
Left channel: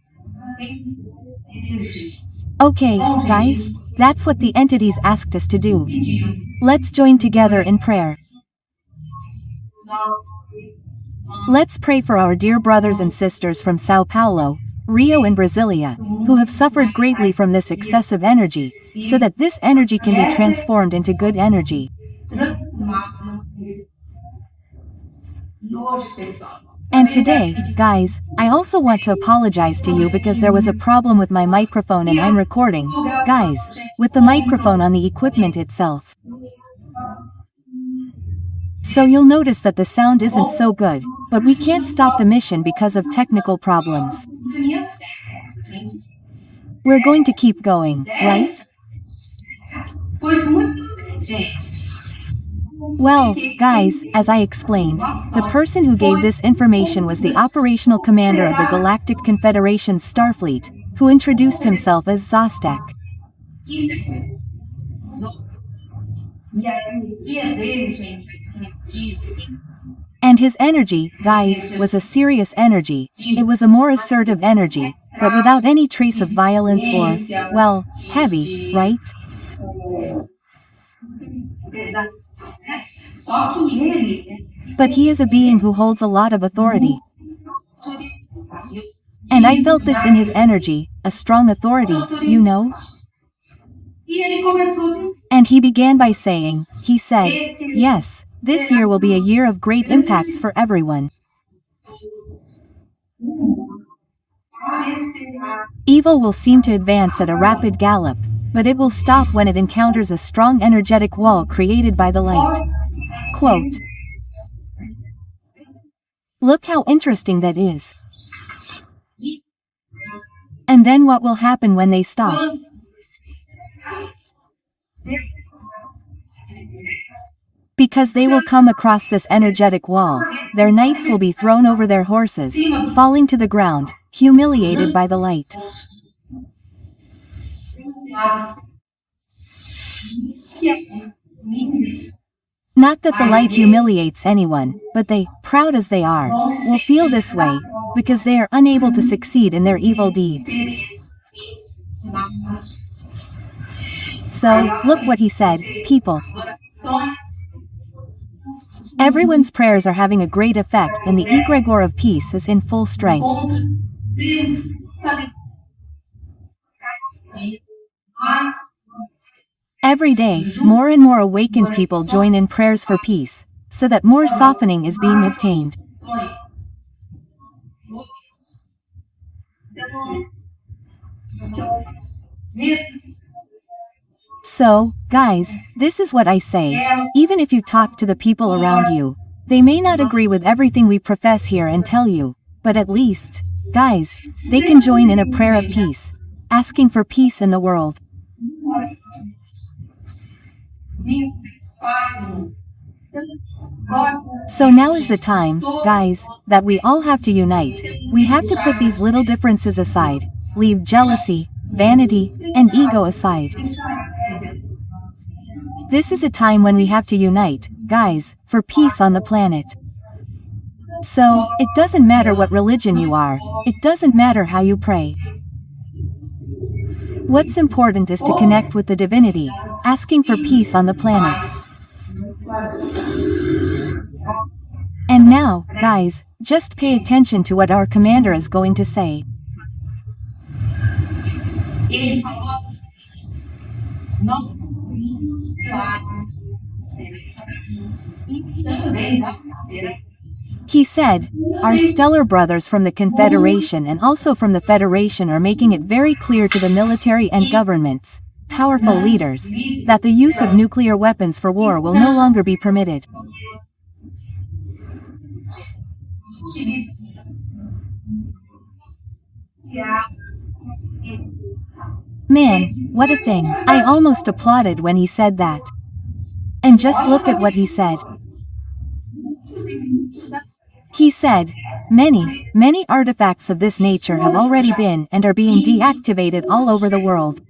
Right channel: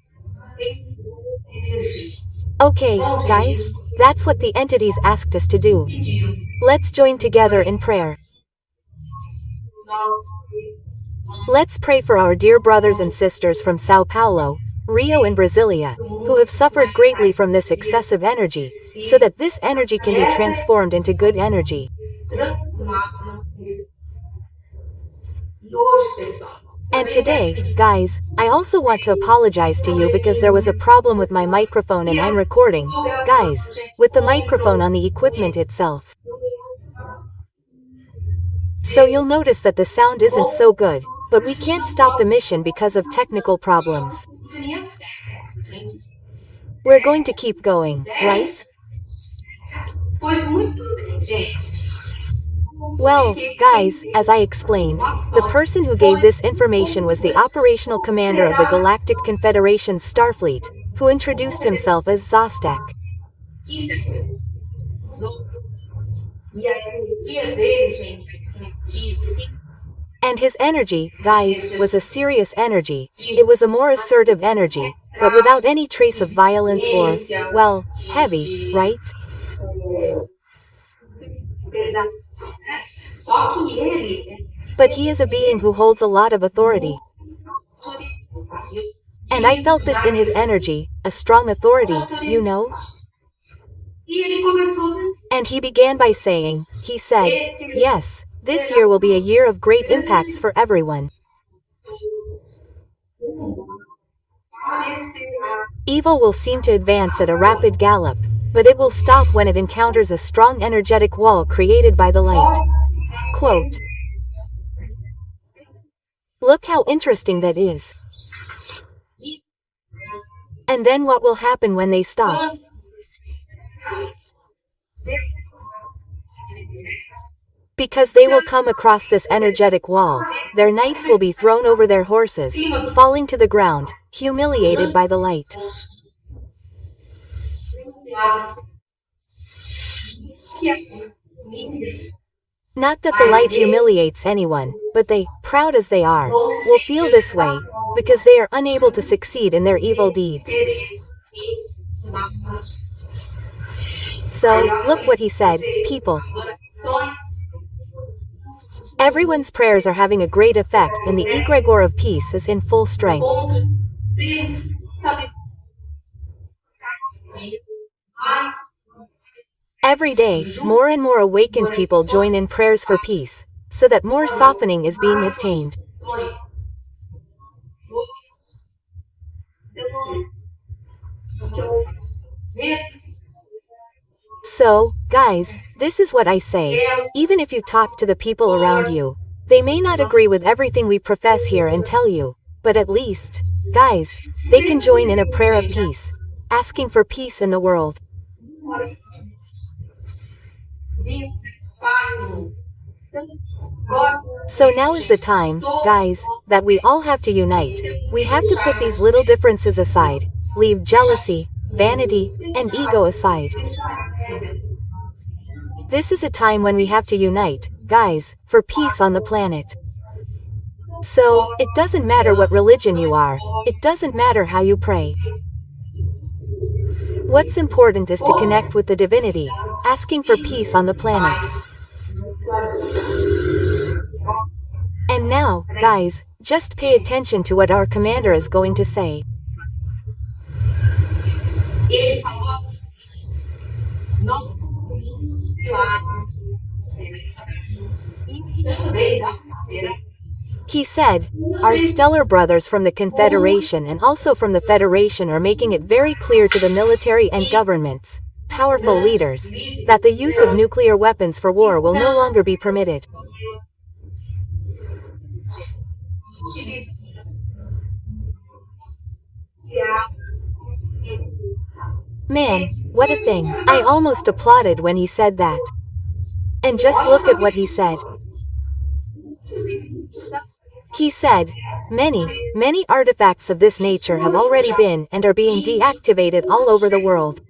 Okay, guys, that's what the entities asked us to do. Let's join together in prayer. Let's pray for our dear brothers and sisters from Sao Paulo, Rio and Brasilia, who have suffered greatly from this excessive energy, so that this energy can be transformed into good energy. And today, guys, I also want to apologize to you because there was a problem with my microphone and I'm recording, guys, with the microphone on the equipment itself. So you'll notice that the sound isn't so good, but we can't stop the mission because of technical problems. We're going to keep going, right? Well, guys, as I explained, the person who gave this information was the operational commander of the Galactic Confederation's Starfleet, who introduced himself as Zostek. And his energy, guys, was a serious energy. It was a more assertive energy, but without any trace of violence or, well, heavy, right? But he is a being who holds a lot of authority. And I felt this in his energy, a strong authority, you know? And he began by saying, he said, yes, this year will be a year of great impacts for everyone. Evil will seem to advance at a rapid gallop, but it will stop when it encounters a strong energetic wall created by the light. Quote. Look how interesting that is. And then what will happen when they stop? Because they will come across this energetic wall, their knights will be thrown over their horses, falling to the ground, humiliated by the light. Not that the light humiliates anyone, but they, proud as they are, will feel this way, because they are unable to succeed in their evil deeds. So, look what he said, people. Everyone's prayers are having a great effect and the egregore of peace is in full strength. Every day, more and more awakened people join in prayers for peace, so that more softening is being obtained. So, guys, this is what I say, even if you talk to the people around you, they may not agree with everything we profess here and tell you, but at least, guys, they can join in a prayer of peace, asking for peace in the world. So now is the time, guys, that we all have to unite. We have to put these little differences aside, leave jealousy, vanity, and ego aside. This is a time when we have to unite, guys, for peace on the planet. So, it doesn't matter what religion you are, it doesn't matter how you pray. What's important is to connect with the divinity, asking for peace on the planet. And now, guys, just pay attention to what our commander is going to say. He said, our stellar brothers from the Confederation and also from the Federation are making it very clear to the military and governments, powerful leaders, that the use of nuclear weapons for war will no longer be permitted. Man, what a thing. I almost applauded when he said that. And just look at what he said. He said, many artifacts of this nature have already been and are being deactivated all over the world.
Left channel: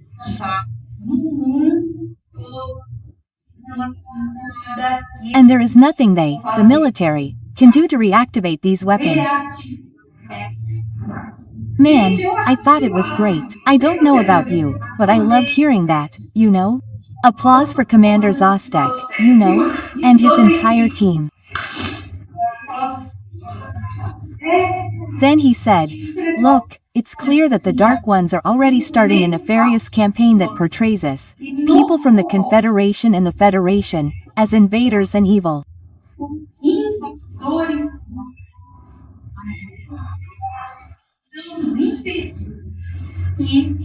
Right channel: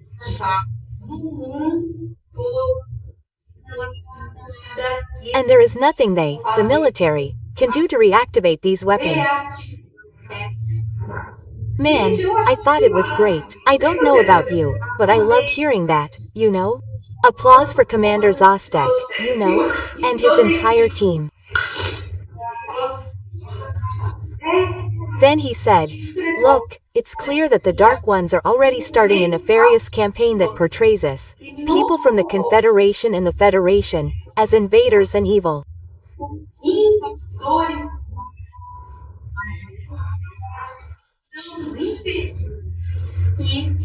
And there is nothing they, the military, can do to reactivate these weapons. Man, I thought it was great. I don't know about you, but I loved hearing that, you know? Applause for Commander Zostek, you know? And his entire team. Then he said, look, it's clear that the Dark Ones are already starting a nefarious campaign that portrays us, people from the Confederation and the Federation, as invaders and evil.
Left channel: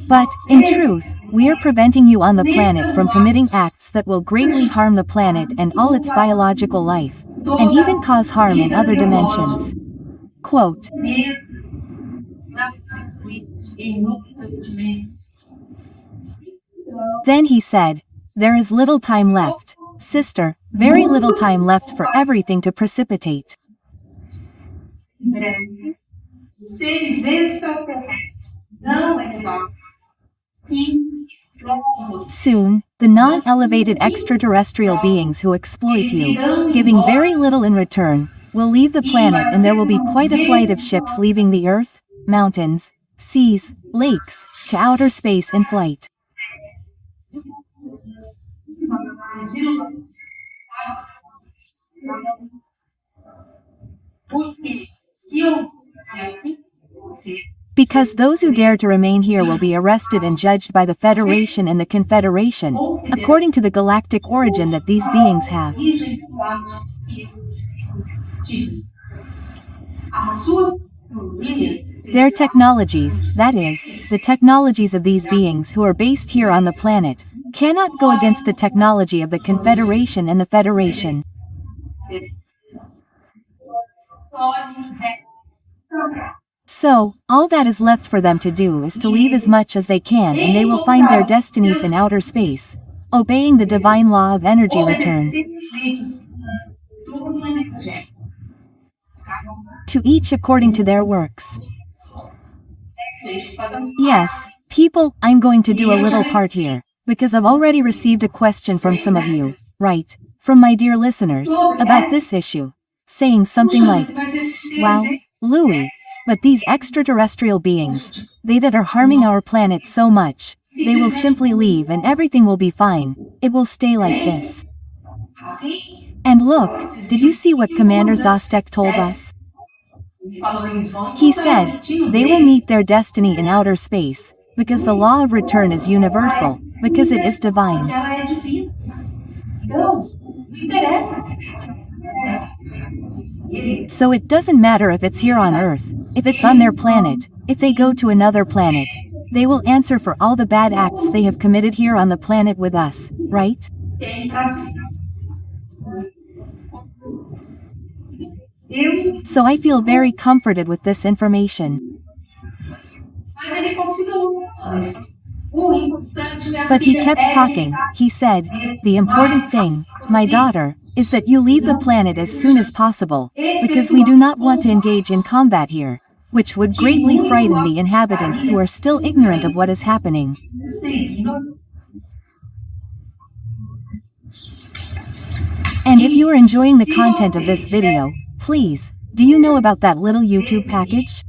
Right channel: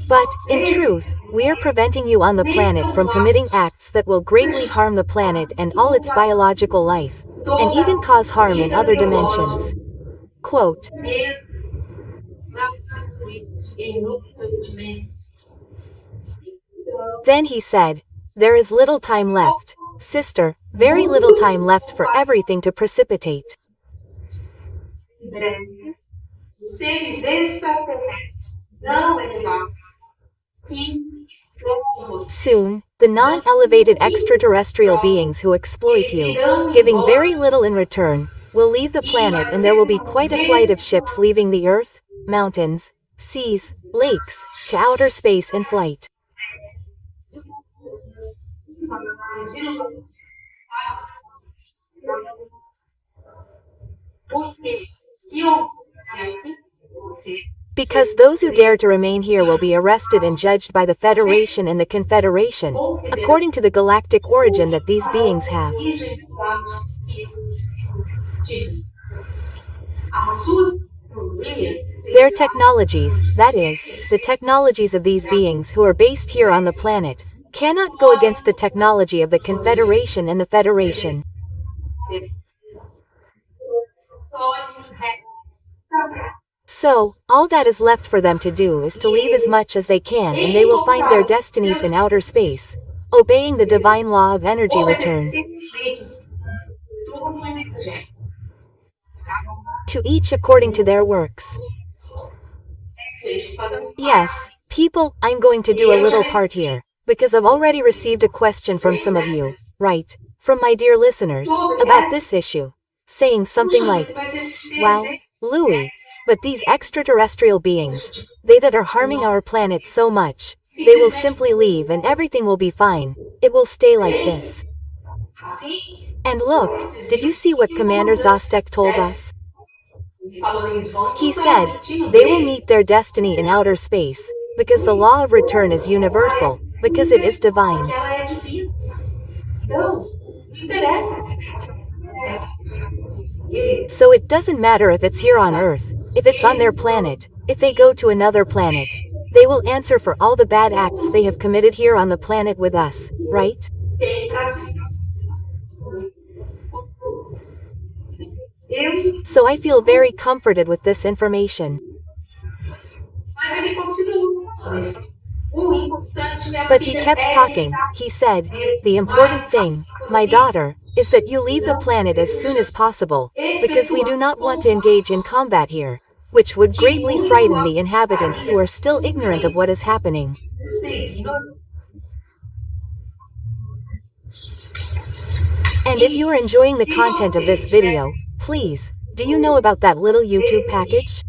But, in truth, we are preventing you on the planet from committing acts that will greatly harm the planet and all its biological life, and even cause harm in other dimensions. Quote. Then he said, there is little time left, sister, very little time left for everything to precipitate. Soon, the non-elevated extraterrestrial beings who exploit you, giving very little in return, will leave the planet, and there will be quite a flight of ships leaving the Earth, mountains, seas, lakes, to outer space in flight. Because those who dare to remain here will be arrested and judged by the Federation and the Confederation, according to the galactic origin that these beings have. Their technologies, that is, the technologies of these beings who are based here on the planet, cannot go against the technology of the Confederation and the Federation. So, all that is left for them to do is to leave as much as they can, and they will find their destinies in outer space, obeying the divine law of energy return. To each according to their works. Yes, people, I'm going to do a little part here, because I've already received a question from some of you, right, from my dear listeners, about this issue, saying something like, wow, Louis, but these extraterrestrial beings, they that are harming our planet so much, they will simply leave and everything will be fine, it will stay like this. And look, did you see what Commander Zostek told us? He said, they will meet their destiny in outer space, because the law of return is universal, because it is divine. So it doesn't matter if it's here on Earth, if it's on their planet, if they go to another planet, they will answer for all the bad acts they have committed here on the planet with us, right? So I feel very comforted with this information. But he kept talking. He said, the important thing, my daughter, is that you leave the planet as soon as possible, because we do not want to engage in combat here, which would greatly frighten the inhabitants who are still ignorant of what is happening. And if you are enjoying the content of this video, please, do you know about that little YouTube package?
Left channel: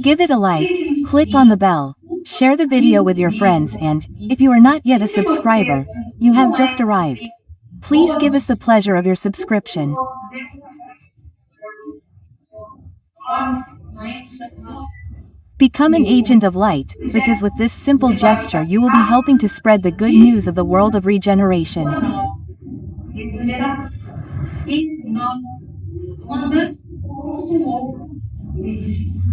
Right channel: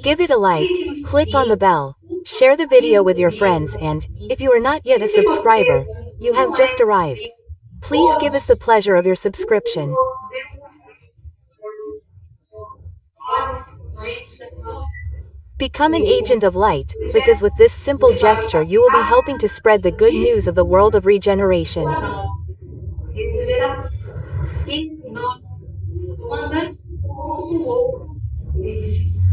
Give it a like, click on the bell, share the video with your friends, and, if you are not yet a subscriber, you have just arrived. Please give us the pleasure of your subscription. Become an agent of light, because with this simple gesture you will be helping to spread the good news of the world of regeneration.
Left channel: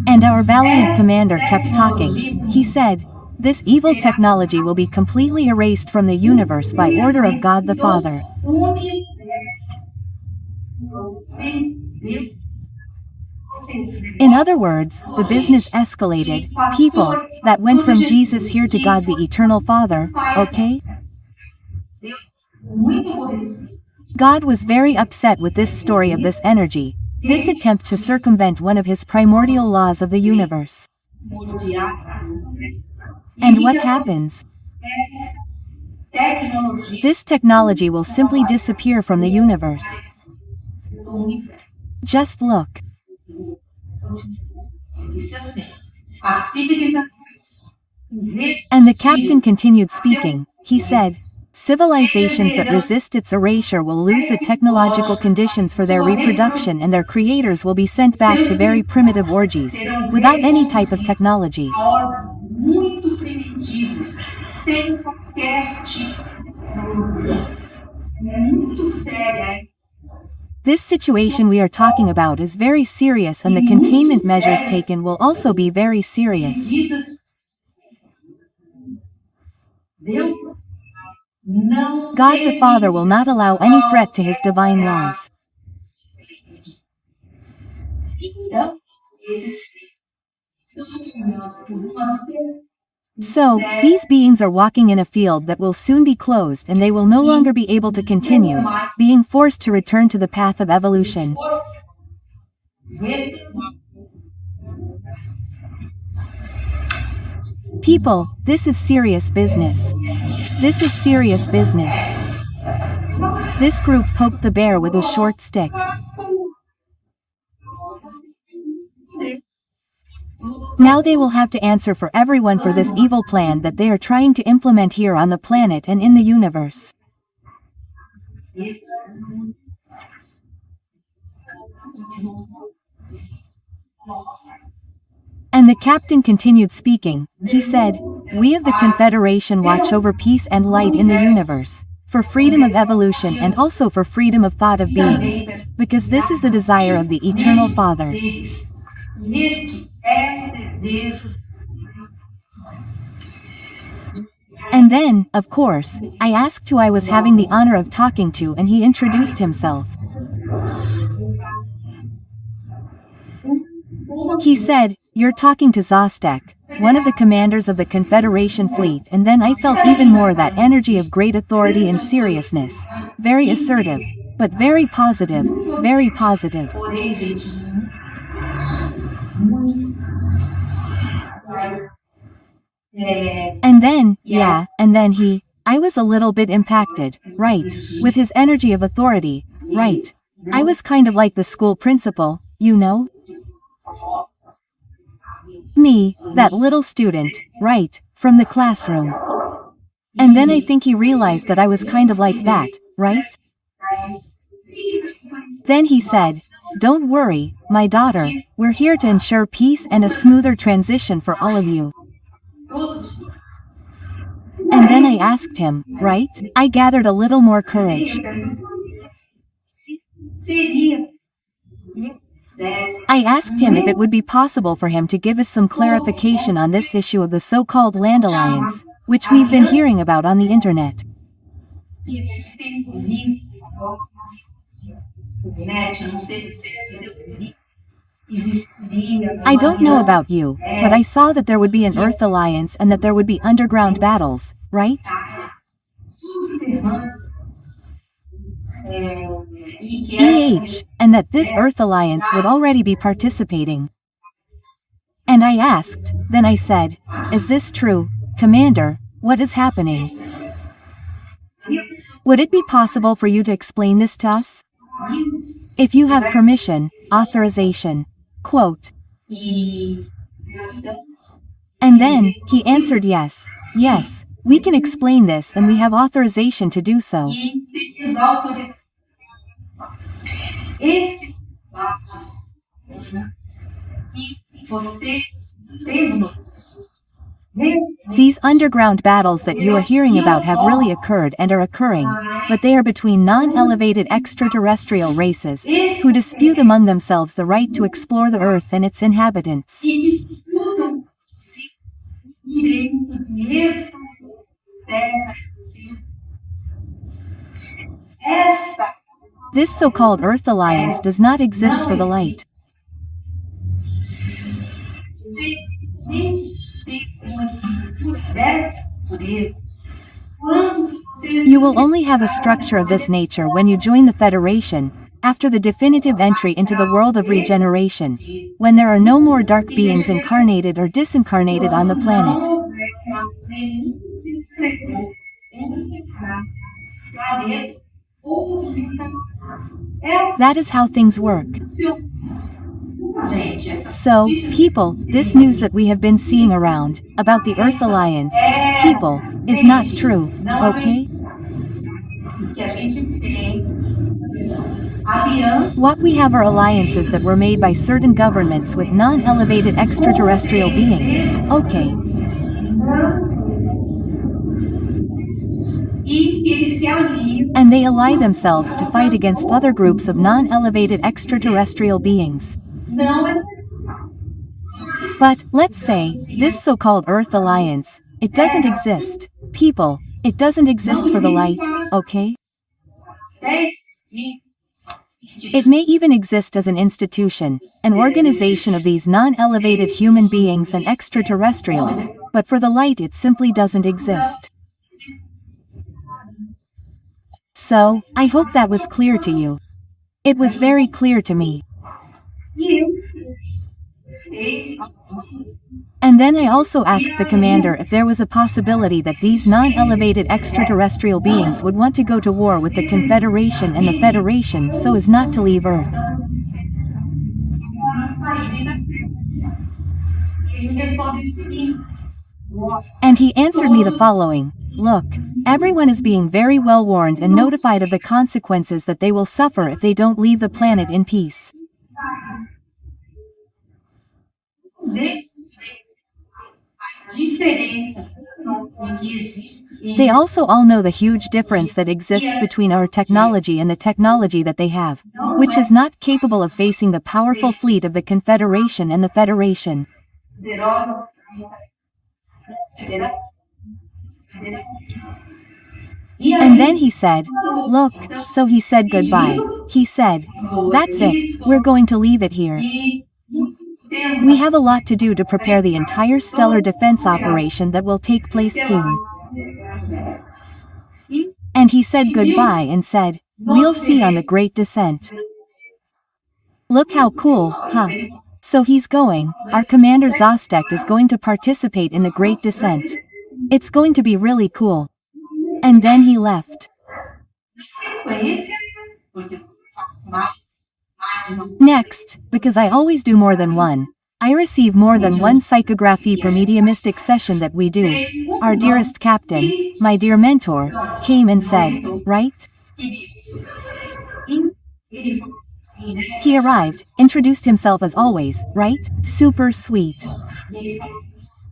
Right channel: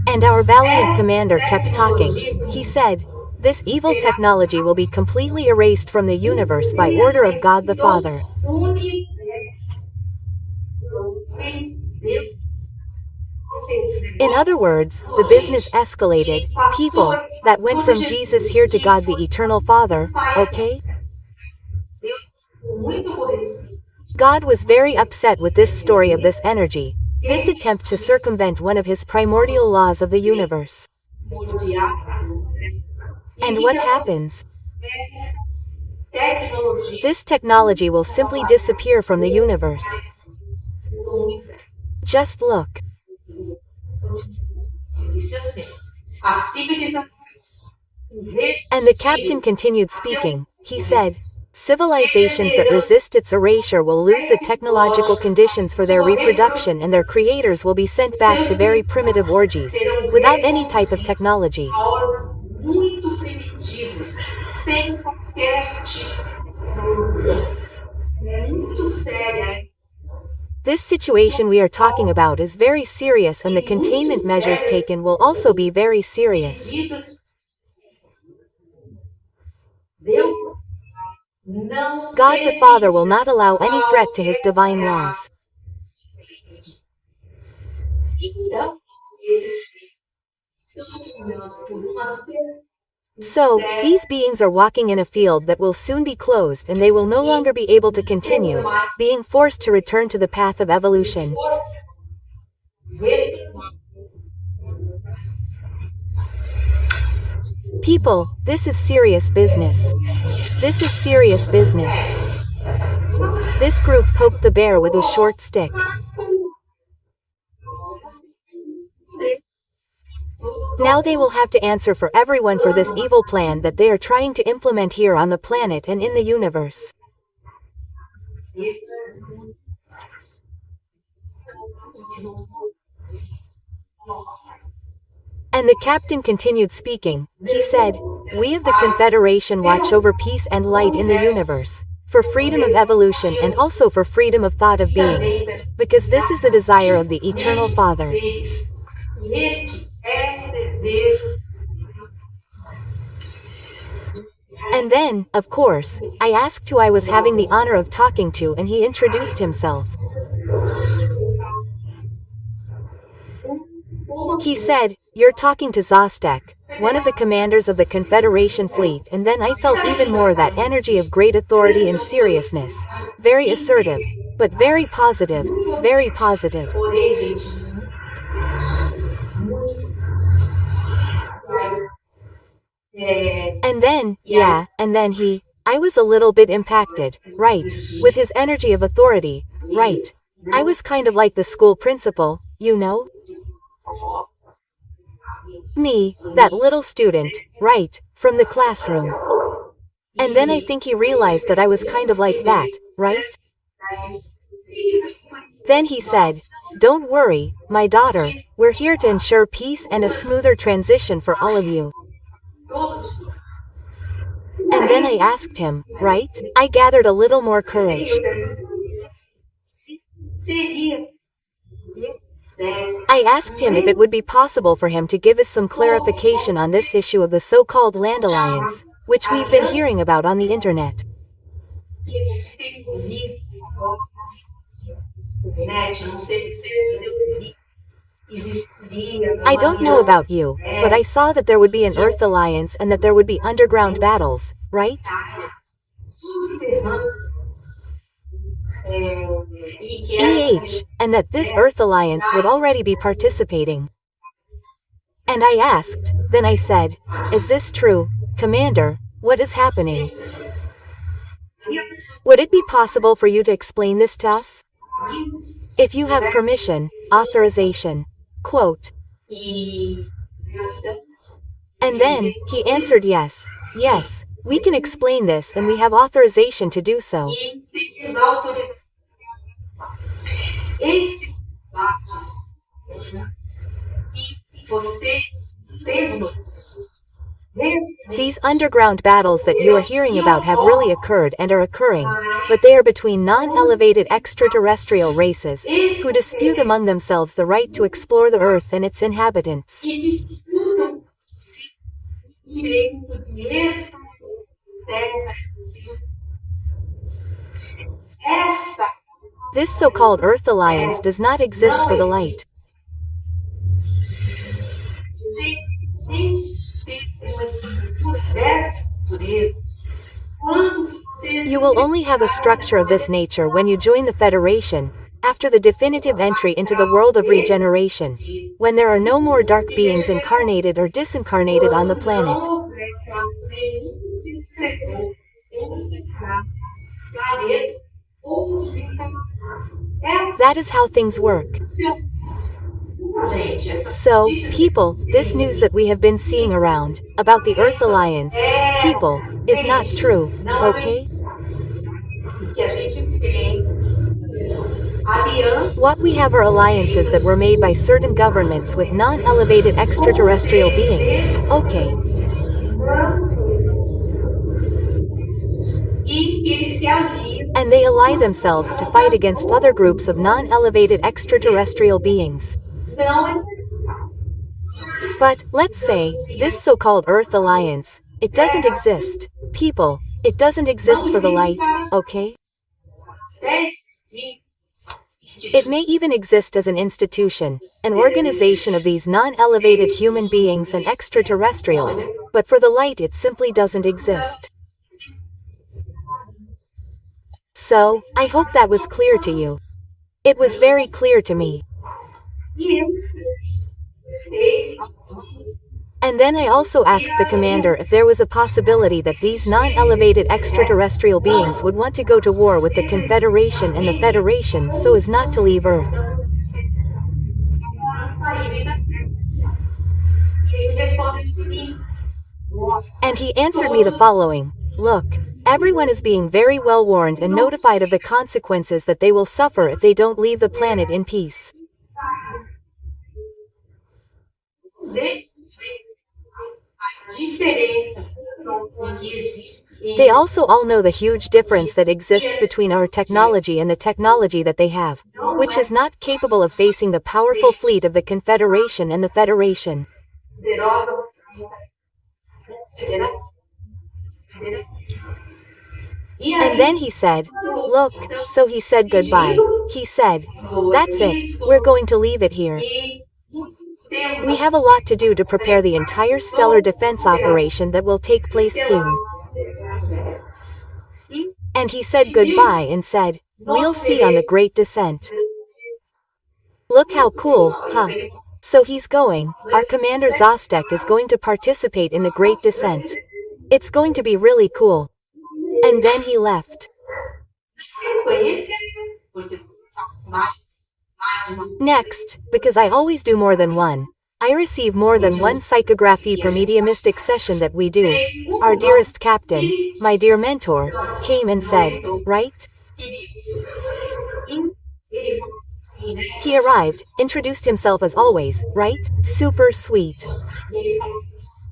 And our valiant commander kept talking. He said, "This evil technology will be completely erased from the universe by order of God the Father." In other words, the business escalated, people, that went from Jesus here to God the Eternal Father, okay? God was very upset with this story of this energy, this attempt to circumvent one of his primordial laws of the universe. And what happens? This technology will simply disappear from the universe. Just look. And the captain continued speaking. He said, "Civilizations that resist its erasure will lose the technological conditions for their reproduction, and their creators will be sent back to very primitive orgies, without any type of technology." This situation we are talking about is very serious, and the containment measures taken will also be very serious. God the Father will not allow any threat to his divine laws. So, these beings are walking in a field that will soon be closed, and they will no longer be able to continue, being forced to return to the path of evolution. People, this is serious business. This is serious business. This group poked the bear with a short stick. Now they will have to answer for everyone for this evil plan that they are trying to implement here on the planet and in the universe. And the captain continued speaking. He said, "We of the Confederation watch over peace and light in the universe, for freedom of evolution and also for freedom of thought of beings, because this is the desire of the Eternal Father." And then, of course, I asked who I was having the honor of talking to, and he introduced himself. He said, "You're talking to Zostek, one of the commanders of the Confederation fleet," and then I felt even more that energy of great authority and seriousness. Very assertive, but very positive, very positive. And then, I was a little bit impacted, right, with his energy of authority, right. I was kind of like the school principal, you know? Me, that little student, right, from the classroom. And then I think he realized that I was kind of like that, right? Then he said, "Don't worry, my daughter, we're here to ensure peace and a smoother transition for all of you." And then I asked him, right? I gathered a little more courage. I asked him if it would be possible for him to give us some clarification on this issue of the so-called Land Alliance, which we've been hearing about on the internet. I don't know about you, but I saw that there would be an Earth Alliance and that there would be underground battles, right? And that this Earth Alliance would already be participating. And I asked, then I said, "Is this true, Commander? What is happening? Would it be possible for you to explain this to us? If you have permission, authorization." Quote. And then, he answered, "Yes, yes, we can explain this and we have authorization to do so." These underground battles that you are hearing about have really occurred and are occurring, but they are between non-elevated extraterrestrial races, who dispute among themselves the right to explore the Earth and its inhabitants. que disputam direito de terra. Essa This so-called Earth Alliance does not exist for the light. You will only have a structure of this nature when you join the Federation, after the definitive entry into the world of regeneration, when there are no more dark beings incarnated or disincarnated on the planet. That is how things work. So, people, this news that we have been seeing around, about the Earth Alliance, people, is not true, okay? What we have are alliances that were made by certain governments with non-elevated extraterrestrial beings, okay? And they ally themselves to fight against other groups of non-elevated extraterrestrial beings. But, let's say, this so-called Earth Alliance, it doesn't exist. People, it doesn't exist for the light, okay? It may even exist as an institution, an organization of these non-elevated human beings and extraterrestrials, but for the light it simply doesn't exist. So, I hope that was clear to you. It was very clear to me. And then I also asked the commander if there was a possibility that these non-elevated extraterrestrial beings would want to go to war with the Confederation and the Federation so as not to leave Earth. And he answered me the following: look, everyone is being very well warned and notified of the consequences that they will suffer if they don't leave the planet in peace. They also all know the huge difference that exists between our technology and the technology that they have, which is not capable of facing the powerful fleet of the Confederation and the Federation. And then he said, look, so he said goodbye. He said, that's it, we're going to leave it here. We have a lot to do to prepare the entire stellar defense operation that will take place soon. And he said goodbye and said, we'll see on the Great Descent. Look how cool, huh? So he's going, our commander Zostek is going to participate in the Great Descent. It's going to be really cool. And then he left. Next, because I always do more than one, I receive more than one psychography per mediumistic session that we do. Our dearest captain, my dear mentor, came and said, right? He arrived, introduced himself as always, right? Super sweet.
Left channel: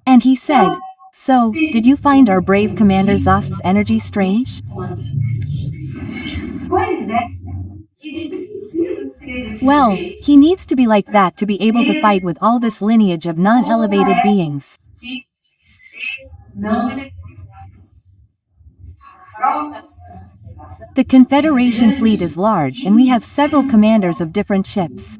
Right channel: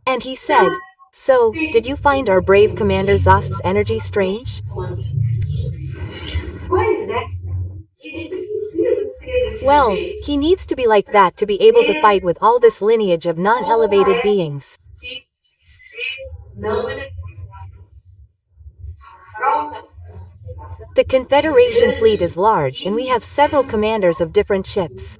And he said, so, did you find our brave Commander Zost's energy strange? Well, he needs to be like that to be able to fight with all this lineage of non-elevated beings. The Confederation fleet is large and we have several commanders of different ships.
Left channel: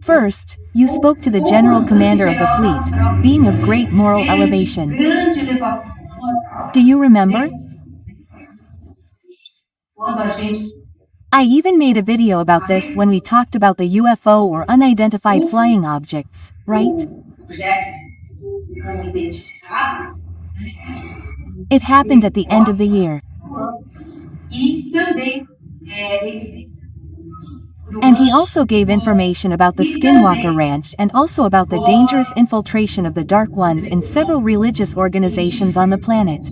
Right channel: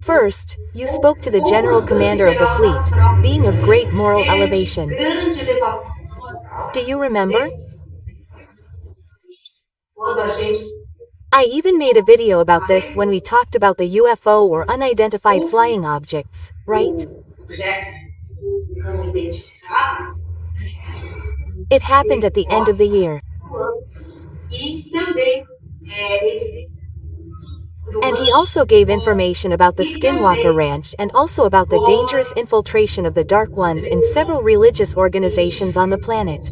First, you spoke to the general commander of the fleet, being of great moral elevation. Do you remember? I even made a video about this when we talked about the UFO or unidentified flying objects, right? It happened at the end of the year. And he also gave information about the Skinwalker Ranch and also about the dangerous infiltration of the Dark Ones in several religious organizations on the planet.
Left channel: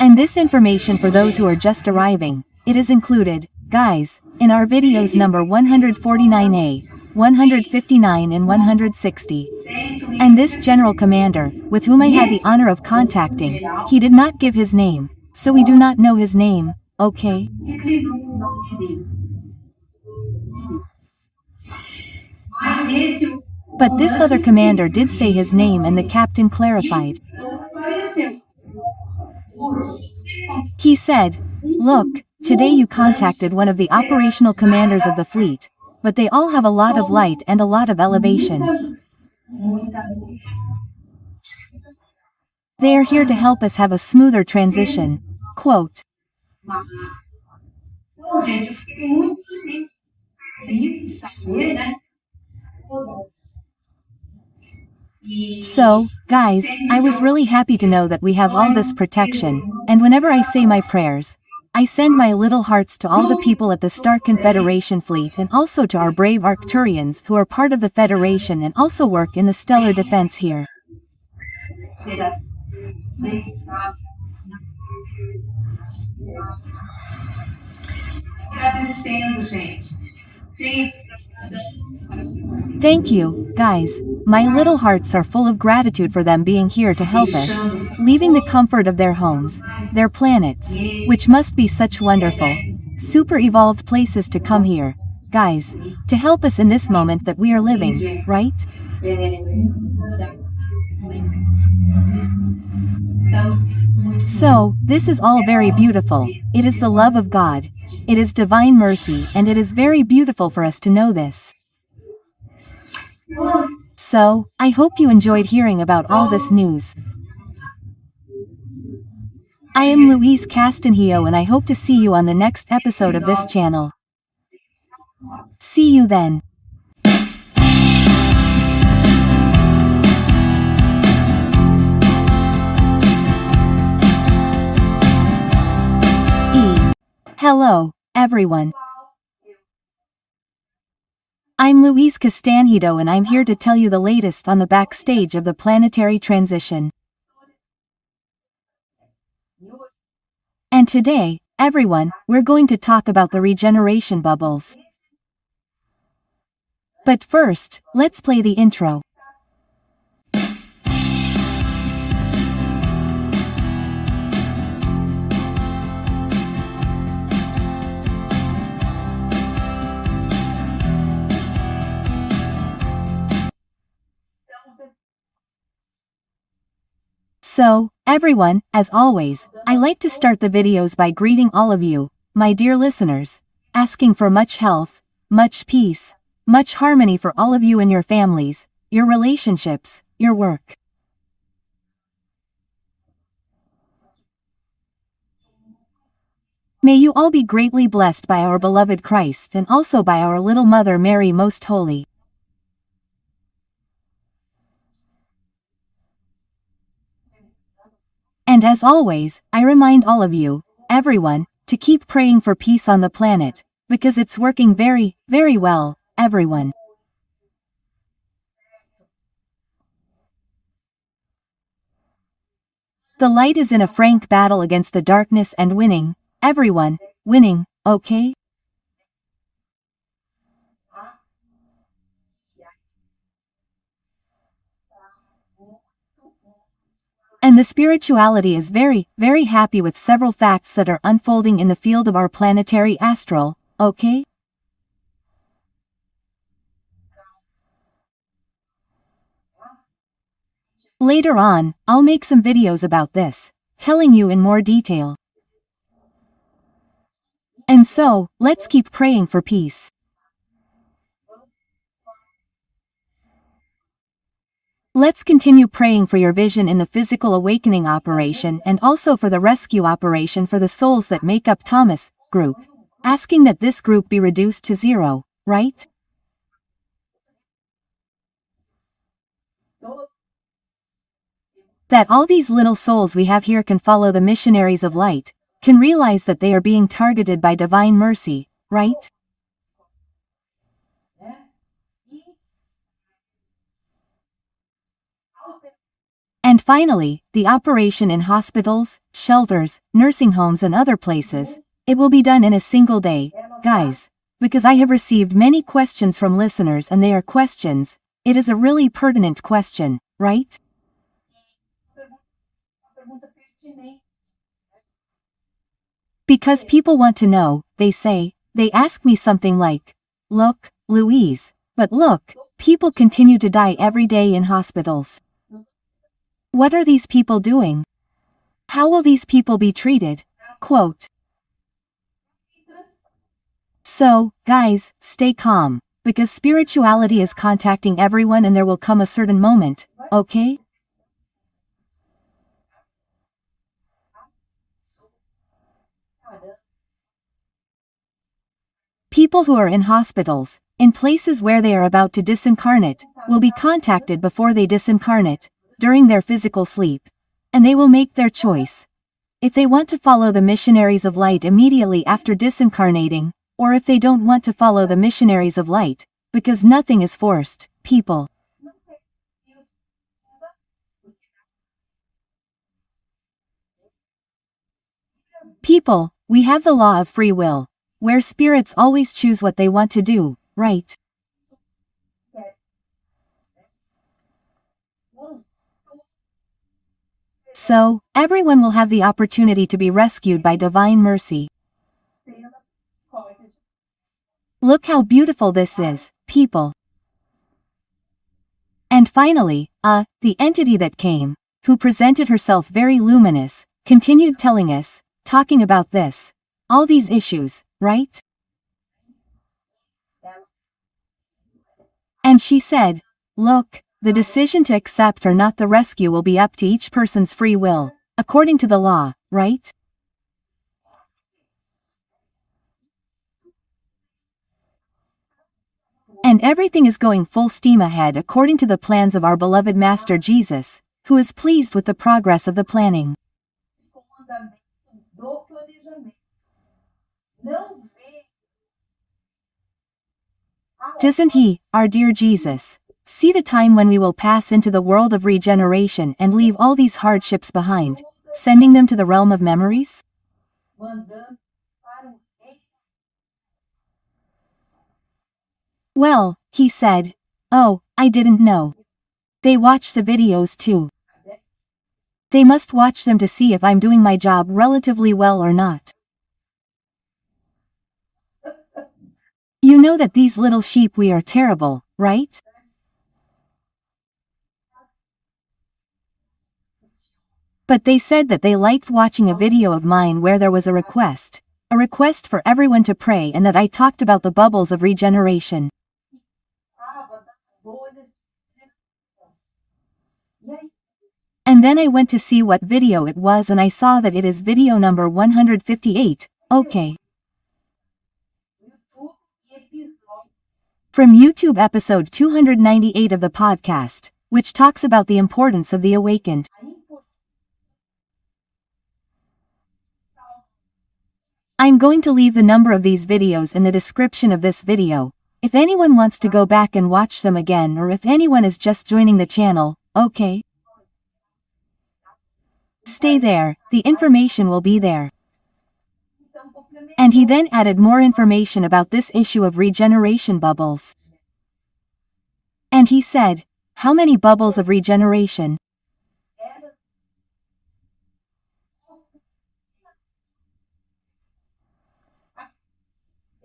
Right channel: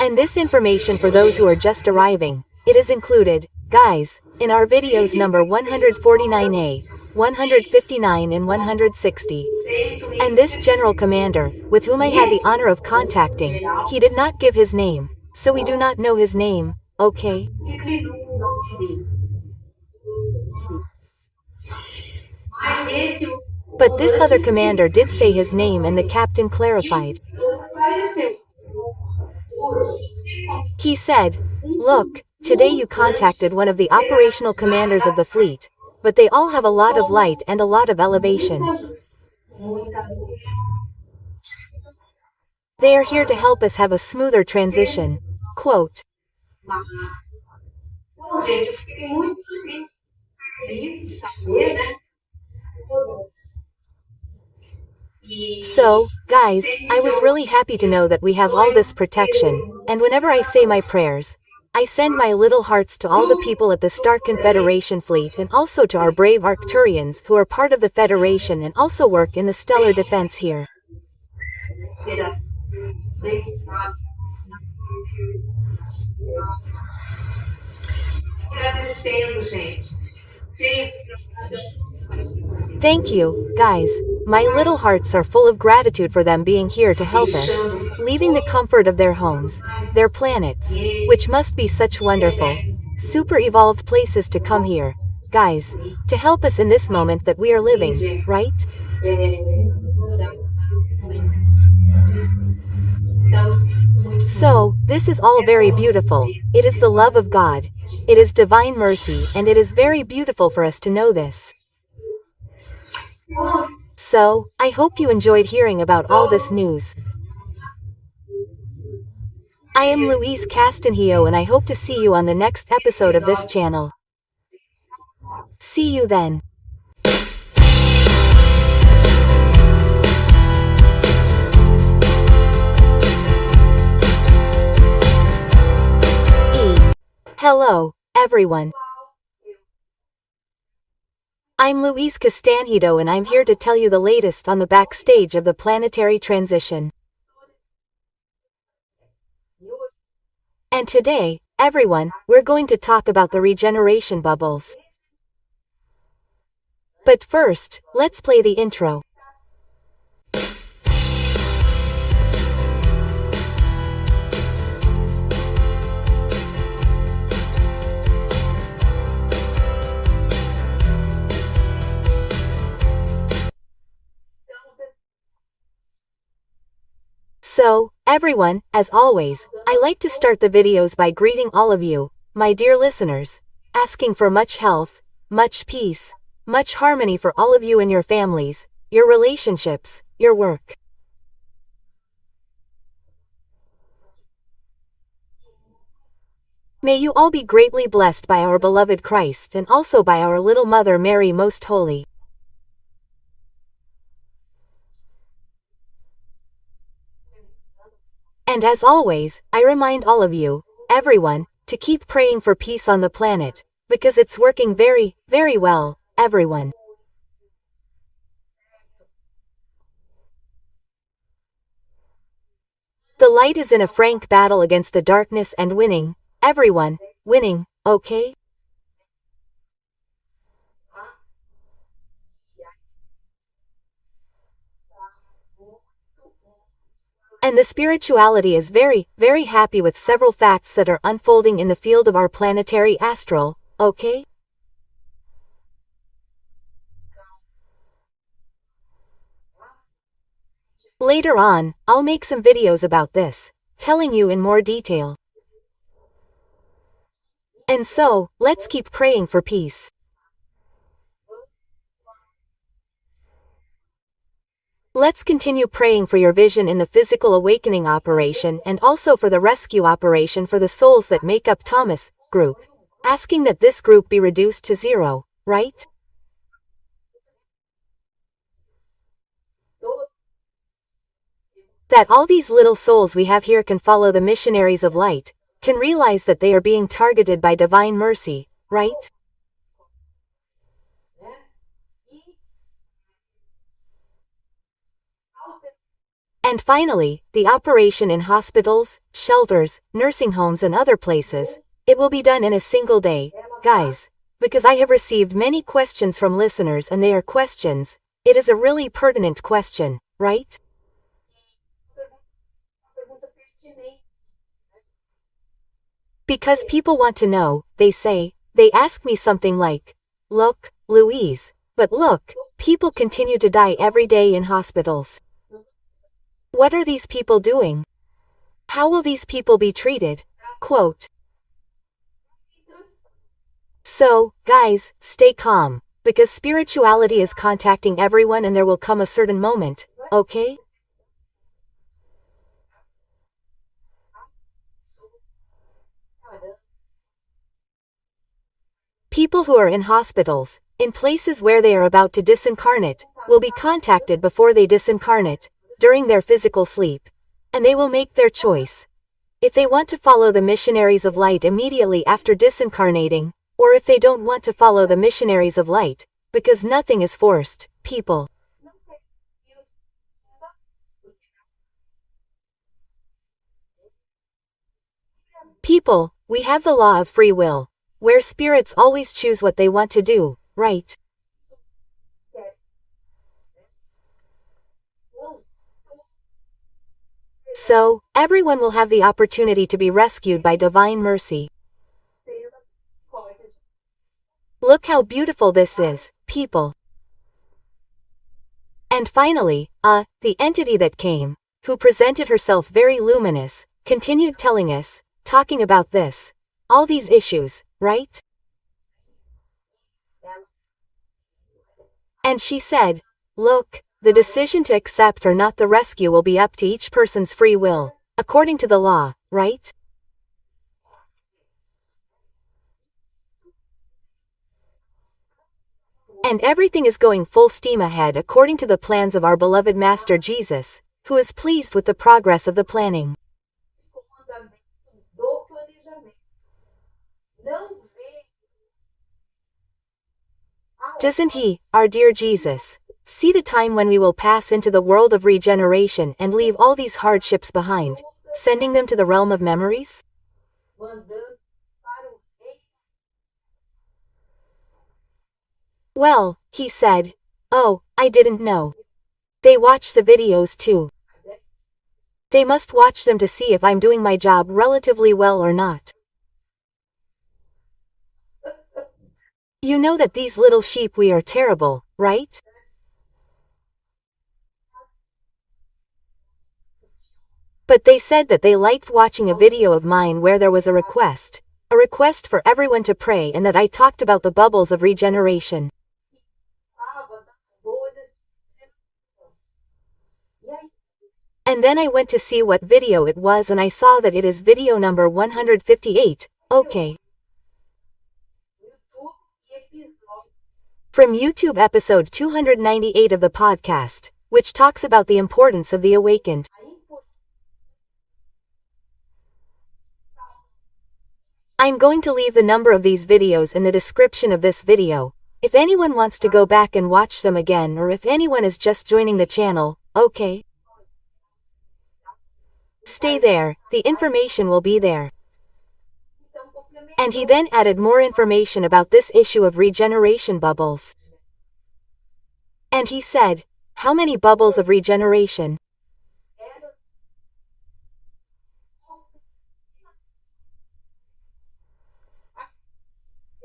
And this information for those who are just arriving, it is included, guys, in our videos number 149A, 159 and 160. And this general commander, with whom I had the honor of contacting, he did not give his name, so we do not know his name, okay? But this other commander did say his name and the captain clarified. He said, "Look, today you contacted one of the operational commanders of the fleet, but they all have a lot of light and a lot of elevation. They are here to help us have a smoother transition." Quote. So, guys, I was really happy to know that we have all this protection, and whenever I say my prayers, I send my little hearts to all the people at the Star Confederation fleet and also to our brave Arcturians who are part of the Federation and also work in the stellar defense here. Thank you, guys. My little hearts are full of gratitude for them being here to help us, leaving the comfort of their homes, their planets, which must be such wonderful, super evolved places to come here, guys, to help us in this moment that we are living, right? So, this is all very beautiful, it is the love of God, it is divine mercy and it is very beautiful for us to know this. So, I hope you enjoyed hearing about all this news. I am Louise Castanhedo and I hope to see you on the next episode of this channel. See you then. Hello, everyone. I'm Louise Castanhedo and I'm here to tell you the latest on the backstage of the planetary transition. And today, everyone, we're going to talk about the regeneration bubbles. But first, let's play the intro. So, everyone, as always, I like to start the videos by greeting all of you, my dear listeners, asking for much health, much peace, much harmony for all of you and your families, your relationships, your work. May you all be greatly blessed by our beloved Christ and also by our little Mother Mary Most Holy. And as always, I remind all of you, everyone, to keep praying for peace on the planet, because it's working very, very well, everyone. The light is in a frank battle against the darkness and winning, everyone, winning, okay? And the spirituality is very, very happy with several facts that are unfolding in the field of our planetary astral, okay? Later on, I'll make some videos about this, telling you in more detail. And so, let's keep praying for peace. Let's continue praying for your vision in the physical awakening operation and also for the rescue operation for the souls that make up Thomas group, asking that this group be reduced to 0, right? That all these little souls we have here can follow the missionaries of light, can realize that they are being targeted by divine mercy, right? And finally, the operation in hospitals, shelters, nursing homes and other places, it will be done in a single day, guys. Because I have received many questions from listeners and they are questions, it is a really pertinent question, right? Because people want to know, they ask me something like, look, Louise, but look, people continue to die every day in hospitals. What are these people doing? How will these people be treated? Quote. So, guys, stay calm, because spirituality is contacting everyone and there will come a certain moment, okay? People who are in hospitals, in places where they are about to disincarnate, will be contacted before they disincarnate, during their physical sleep. And they will make their choice. If they want to follow the missionaries of light immediately after disincarnating, or if they don't want to follow the missionaries of light, because nothing is forced, people. People, we have the law of free will, where spirits always choose what they want to do, right? So, everyone will have the opportunity to be rescued by divine mercy. Look how beautiful this is, people. And finally, the entity that came, who presented herself very luminous, continued telling us, talking about this, all these issues, right? And she said, look, the decision to accept or not the rescue will be up to each person's free will, according to the law, right? And everything is going full steam ahead according to the plans of our beloved Master Jesus, who is pleased with the progress of the planning. Doesn't he, our dear Jesus, see the time when we will pass into the world of regeneration and leave all these hardships behind, sending them to the realm of memories? Well, he said, oh, I didn't know. They watch the videos too. They must watch them to see if I'm doing my job relatively well or not. You know that these little sheep we are terrible, right? But they said that they liked watching a video of mine where there was a request for everyone to pray and that I talked about the bubbles of regeneration. And then I went to see what video it was and I saw that it is video number 158, okay. From YouTube episode 298 of the podcast, which talks about the importance of the awakened. I'm going to leave the number of these videos in the description of this video, if anyone wants to go back and watch them again or if anyone is just joining the channel, okay? Stay there, the information will be there. And he then added more information about this issue of regeneration bubbles. And he said, how many bubbles of regeneration?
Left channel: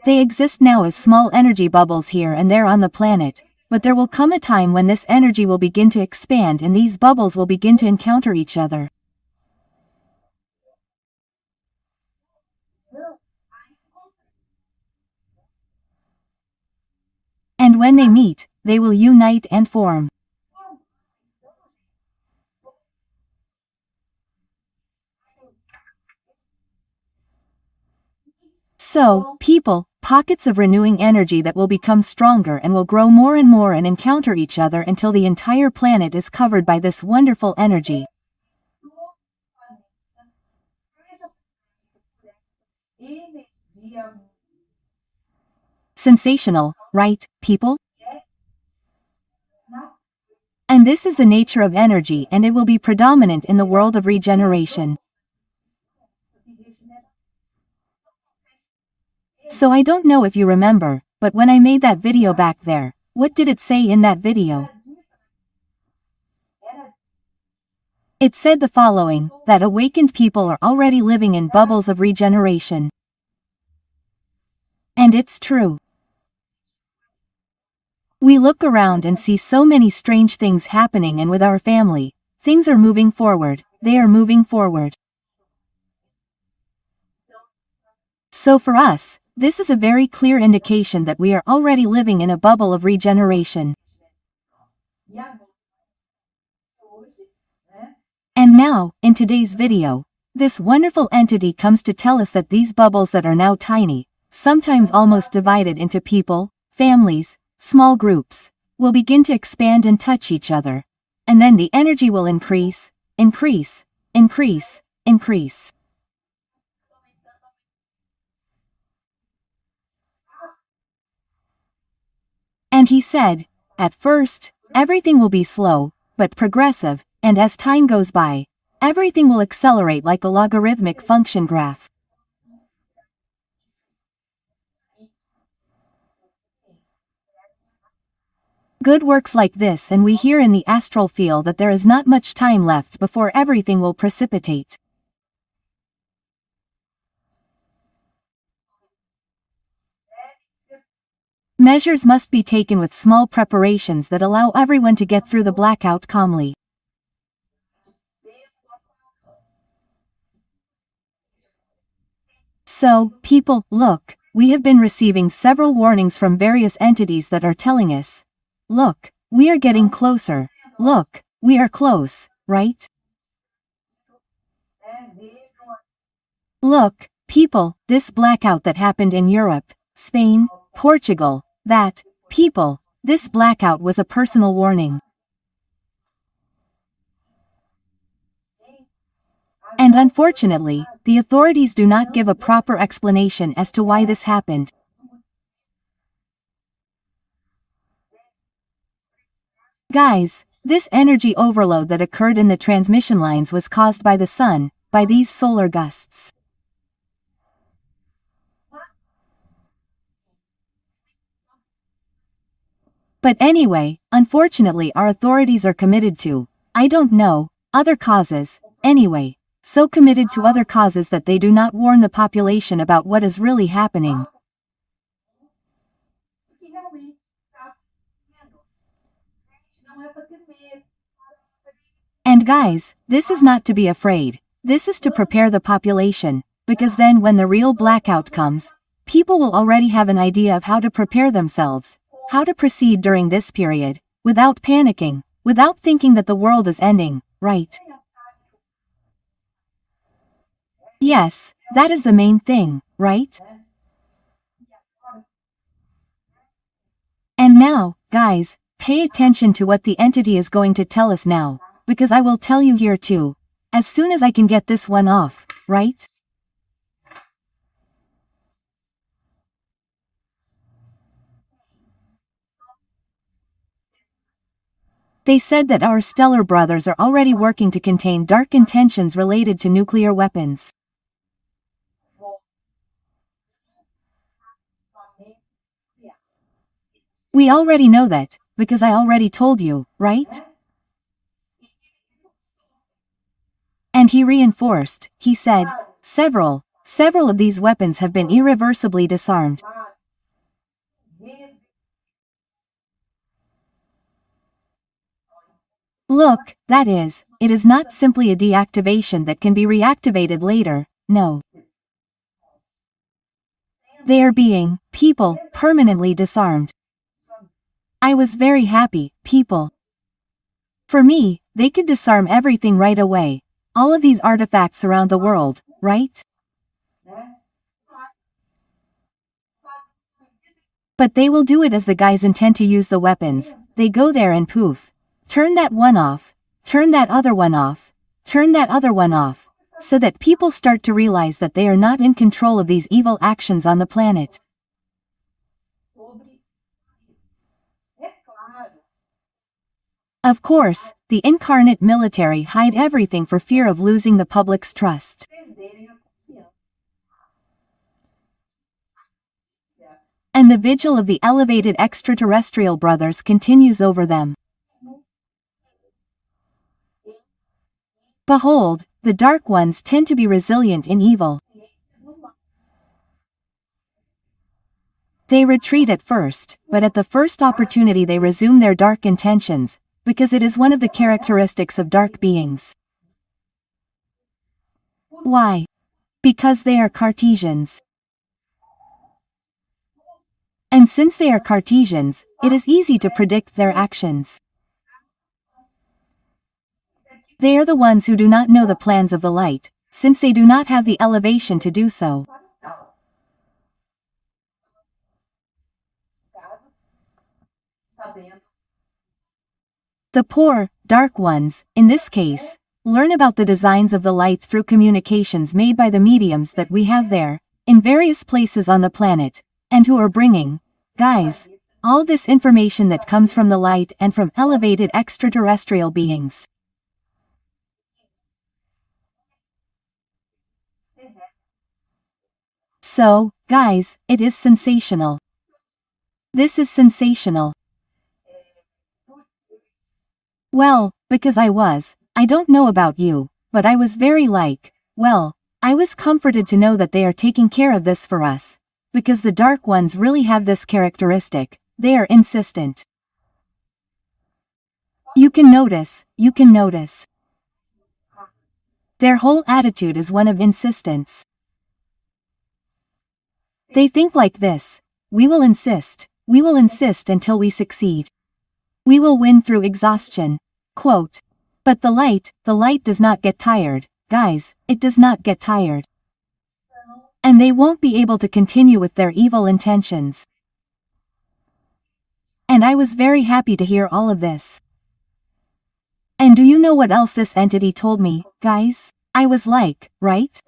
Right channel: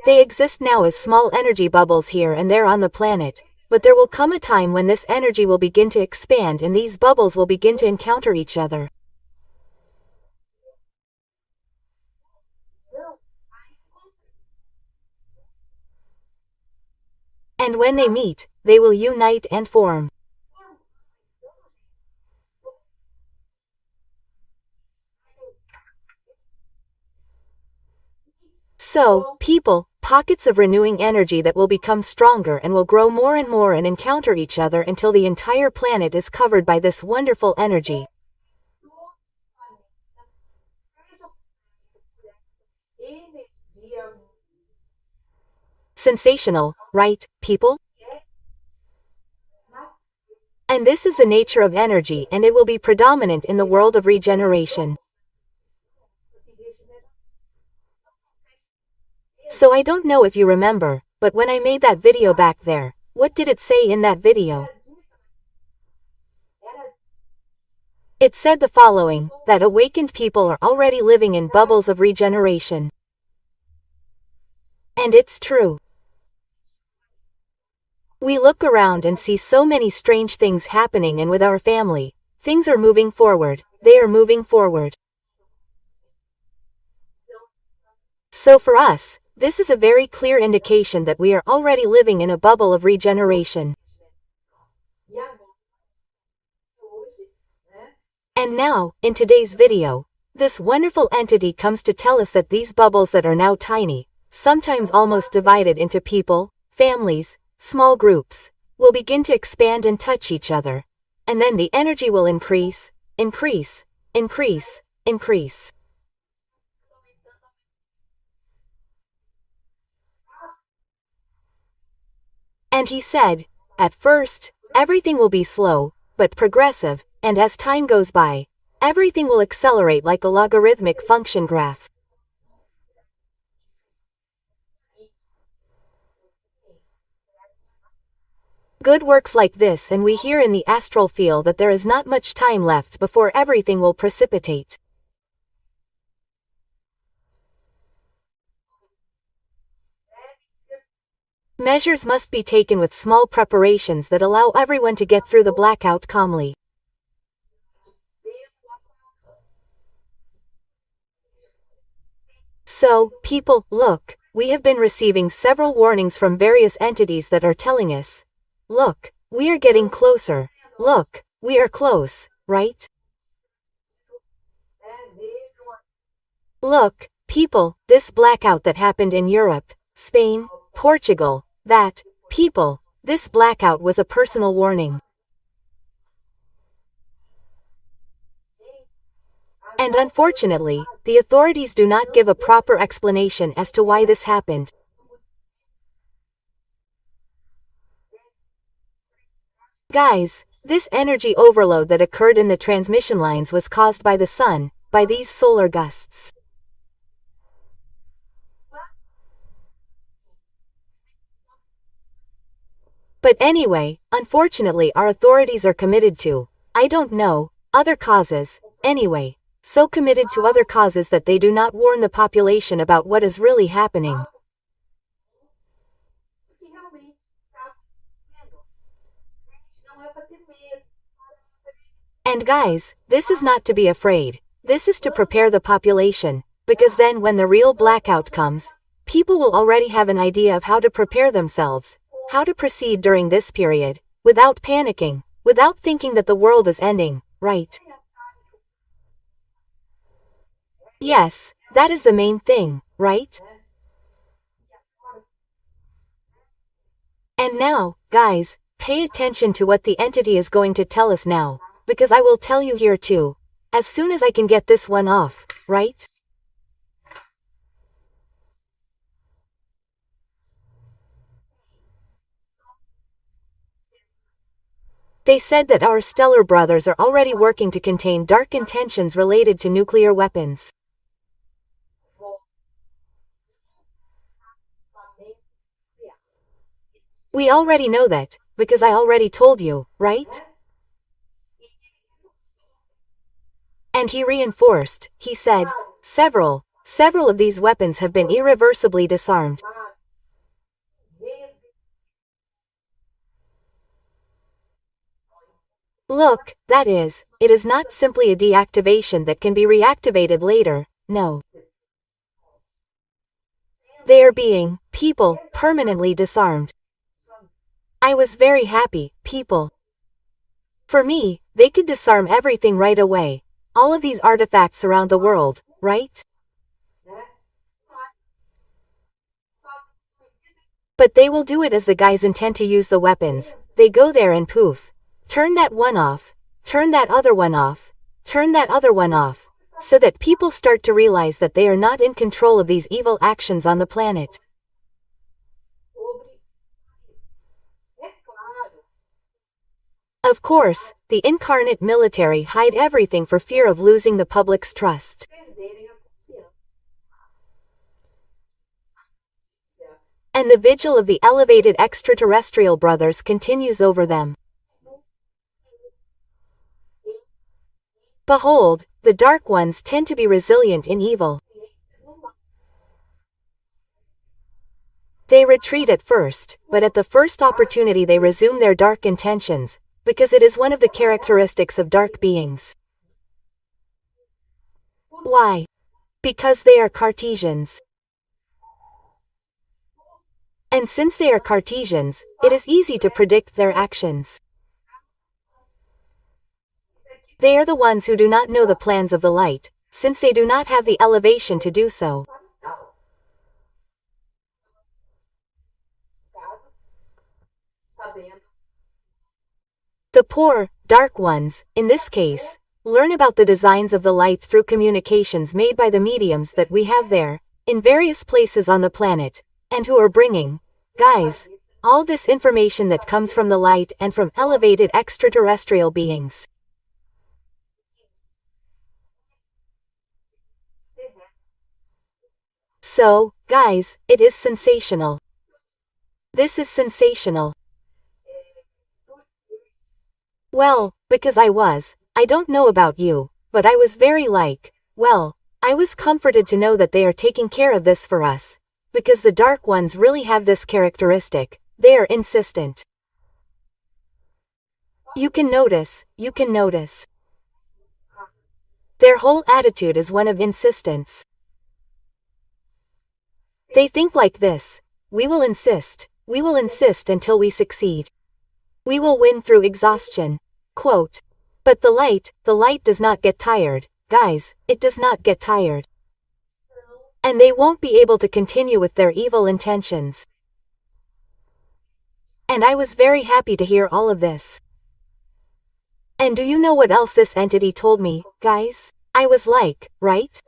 They exist now as small energy bubbles here and there on the planet, but there will come a time when this energy will begin to expand and these bubbles will begin to encounter each other. And when they meet, they will unite and form. So, people, pockets of renewing energy that will become stronger and will grow more and encounter each other until the entire planet is covered by this wonderful energy. Sensational, right, people? And this is the nature of energy, and it will be predominant in the world of regeneration. So I don't know if you remember, but when I made that video back there, what did it say in that video? It said the following, that awakened people are already living in bubbles of regeneration. And it's true. We look around and see so many strange things happening, and with our family, things are moving forward, they are moving forward. So for us, this is a very clear indication that we are already living in a bubble of regeneration. And now, in today's video, this wonderful entity comes to tell us that these bubbles that are now tiny, sometimes almost divided into people, families, small groups, will begin to expand and touch each other. And then the energy will increase, increase, increase, increase. And he said, at first, everything will be slow, but progressive, and as time goes by, everything will accelerate like a logarithmic function graph. Good works like this, and we hear in the astral field that there is not much time left before everything will precipitate. Measures must be taken with small preparations that allow everyone to get through the blackout calmly. So, people, look, we have been receiving several warnings from various entities that are telling us, look, we are getting closer, look, we are close, right? Look, people, this blackout that happened in Europe, Spain, Portugal, that, people, this blackout was a personal warning. And unfortunately, the authorities do not give a proper explanation as to why this happened. Guys, this energy overload that occurred in the transmission lines was caused by the sun, by these solar gusts. But anyway, unfortunately our authorities are committed to, I don't know, other causes, anyway. So committed to other causes that they do not warn the population about what is really happening. And guys, this is not to be afraid, this is to prepare the population, because then when the real blackout comes, people will already have an idea of how to prepare themselves, how to proceed during this period, without panicking, without thinking that the world is ending, right? Yes, that is the main thing, right? And now, guys, pay attention to what the entity is going to tell us now, because I will tell you here too, as soon as I can get this one off, right? They said that our stellar brothers are already working to contain dark intentions related to nuclear weapons. We already know that, because I already told you, right? And he reinforced, he said, several of these weapons have been irreversibly disarmed. Look, that is, it is not simply a deactivation that can be reactivated later, no. They are being, people, permanently disarmed. I was very happy, people. For me, they could disarm everything right away, all of these artifacts around the world, right? But they will do it as the guys intend to use the weapons, they go there and poof. Turn that one off, turn that other one off, turn that other one off, so that people start to realize that they are not in control of these evil actions on the planet. Of course, the incarnate military hide everything for fear of losing the public's trust. And the vigil of the elevated extraterrestrial brothers continues over them. Behold, the dark ones tend to be resilient in evil. They retreat at first, but at the first opportunity they resume their dark intentions, because it is one of the characteristics of dark beings. Why? Because they are Cartesians. And since they are Cartesians, it is easy to predict their actions. They are the ones who do not know the plans of the light, since they do not have the elevation to do so. The poor, dark ones, in this case, learn about the designs of the light through communications made by the mediums that we have there, in various places on the planet, and who are bringing, guys, all this information that comes from the light and from elevated extraterrestrial beings. So, guys, it is sensational. This is sensational. Well, because I don't know about you, but I was very I was comforted to know that they are taking care of this for us. Because the dark ones really have this characteristic, they are insistent. You can notice. Their whole attitude is one of insistence. They think like this: we will insist until we succeed. We will win through exhaustion. Quote. But the light does not get tired, guys, it does not get tired. And they won't be able to continue with their evil intentions. And I was very happy to hear all of this. And do you know what else this entity told me, guys? I was like, right?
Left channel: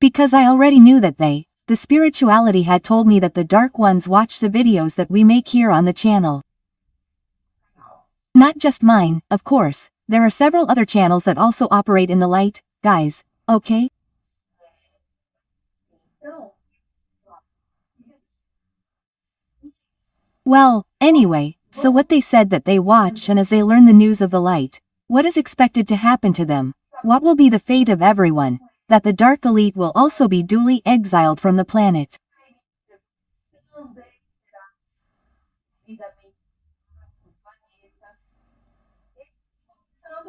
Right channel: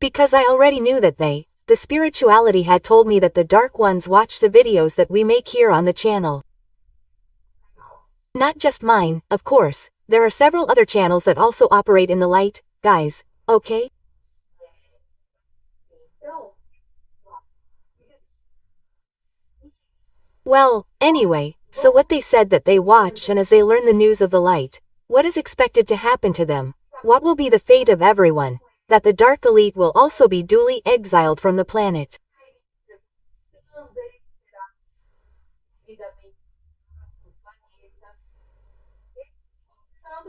Because I already knew that the spirituality had told me that the dark ones watch the videos that we make here on the channel. Not just mine, of course, there are several other channels that also operate in the light, guys, okay? Well, anyway, so what they said that they watch, and as they learn the news of the light, what is expected to happen to them, what will be the fate of everyone, that the dark elite will also be duly exiled from the planet.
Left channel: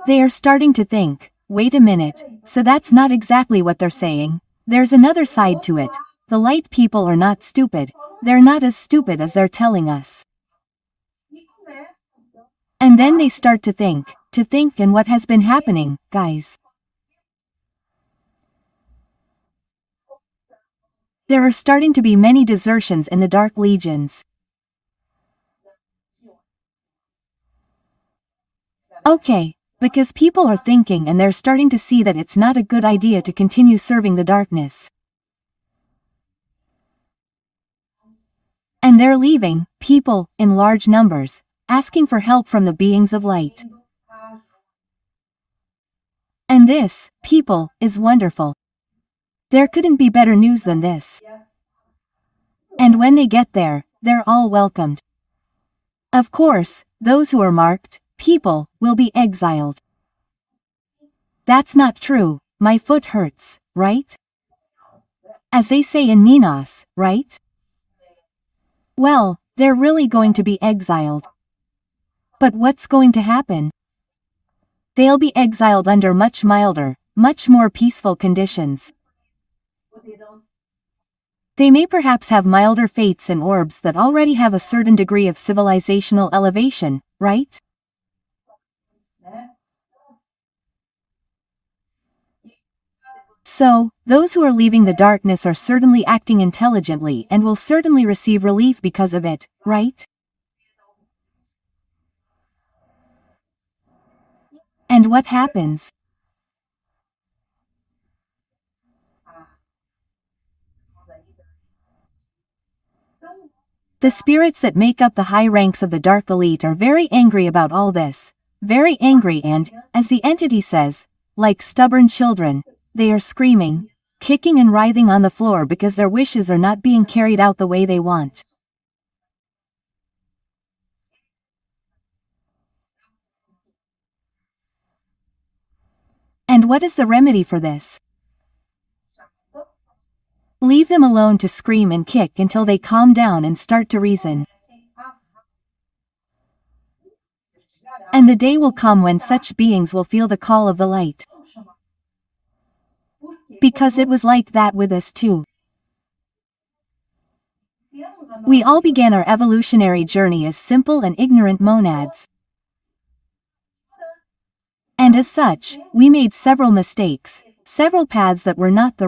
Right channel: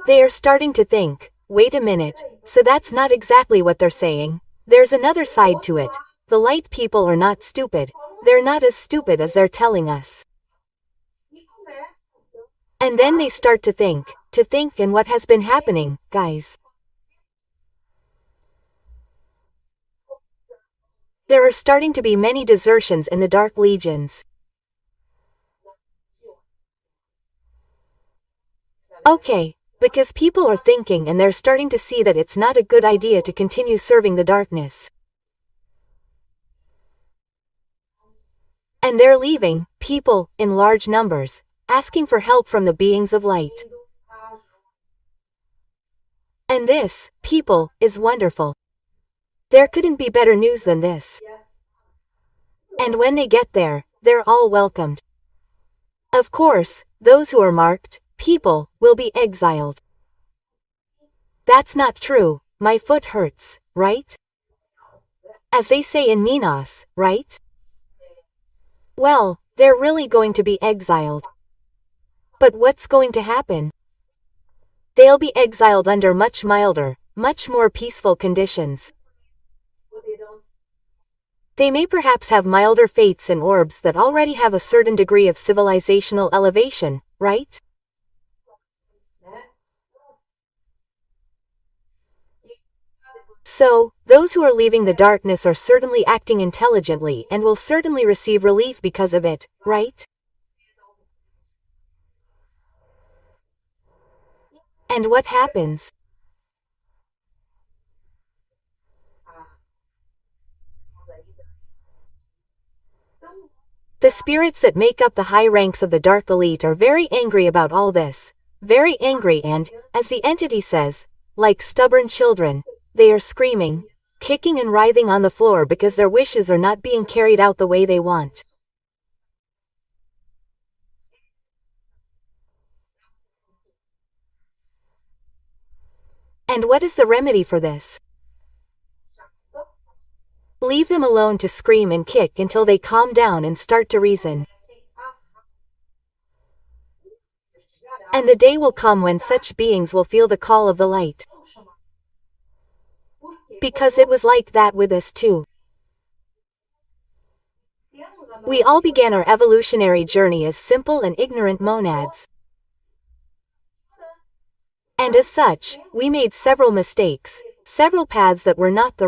They are starting to think, wait a minute, so that's not exactly what they're saying. There's another side to it. The light people are not stupid. They're not as stupid as they're telling us. And then they start to think and what has been happening, guys. There are starting to be many desertions in the Dark Legions. Okay. Because people are thinking and they're starting to see that it's not a good idea to continue serving the darkness. And they're leaving, people, in large numbers, asking for help from the beings of light. And this, people, is wonderful. There couldn't be better news than this. And when they get there, they're all welcomed. Of course, those who are marked, people, will be exiled. That's not true, my foot hurts, right? As they say in Minas, right? Well, they're really going to be exiled. But what's going to happen? They'll be exiled under much milder, much more peaceful conditions. They may perhaps have milder fates and orbs that already have a certain degree of civilizational elevation, right? So, those who are leaving the darkness are certainly acting intelligently and will certainly receive relief because of it, right? And what happens? The spirits that make up the high ranks of the dark elite are very angry about all this. Very angry and, as the entity says, like stubborn children, they are screaming, kicking and writhing on the floor because their wishes are not being carried out the way they want. And what is the remedy for this? Leave them alone to scream and kick until they calm down and start to reason. And the day will come when such beings will feel the call of the light. Because it was like that with us too. We all began our evolutionary journey as simple and ignorant monads. And as such, we made several mistakes, several paths that were not the right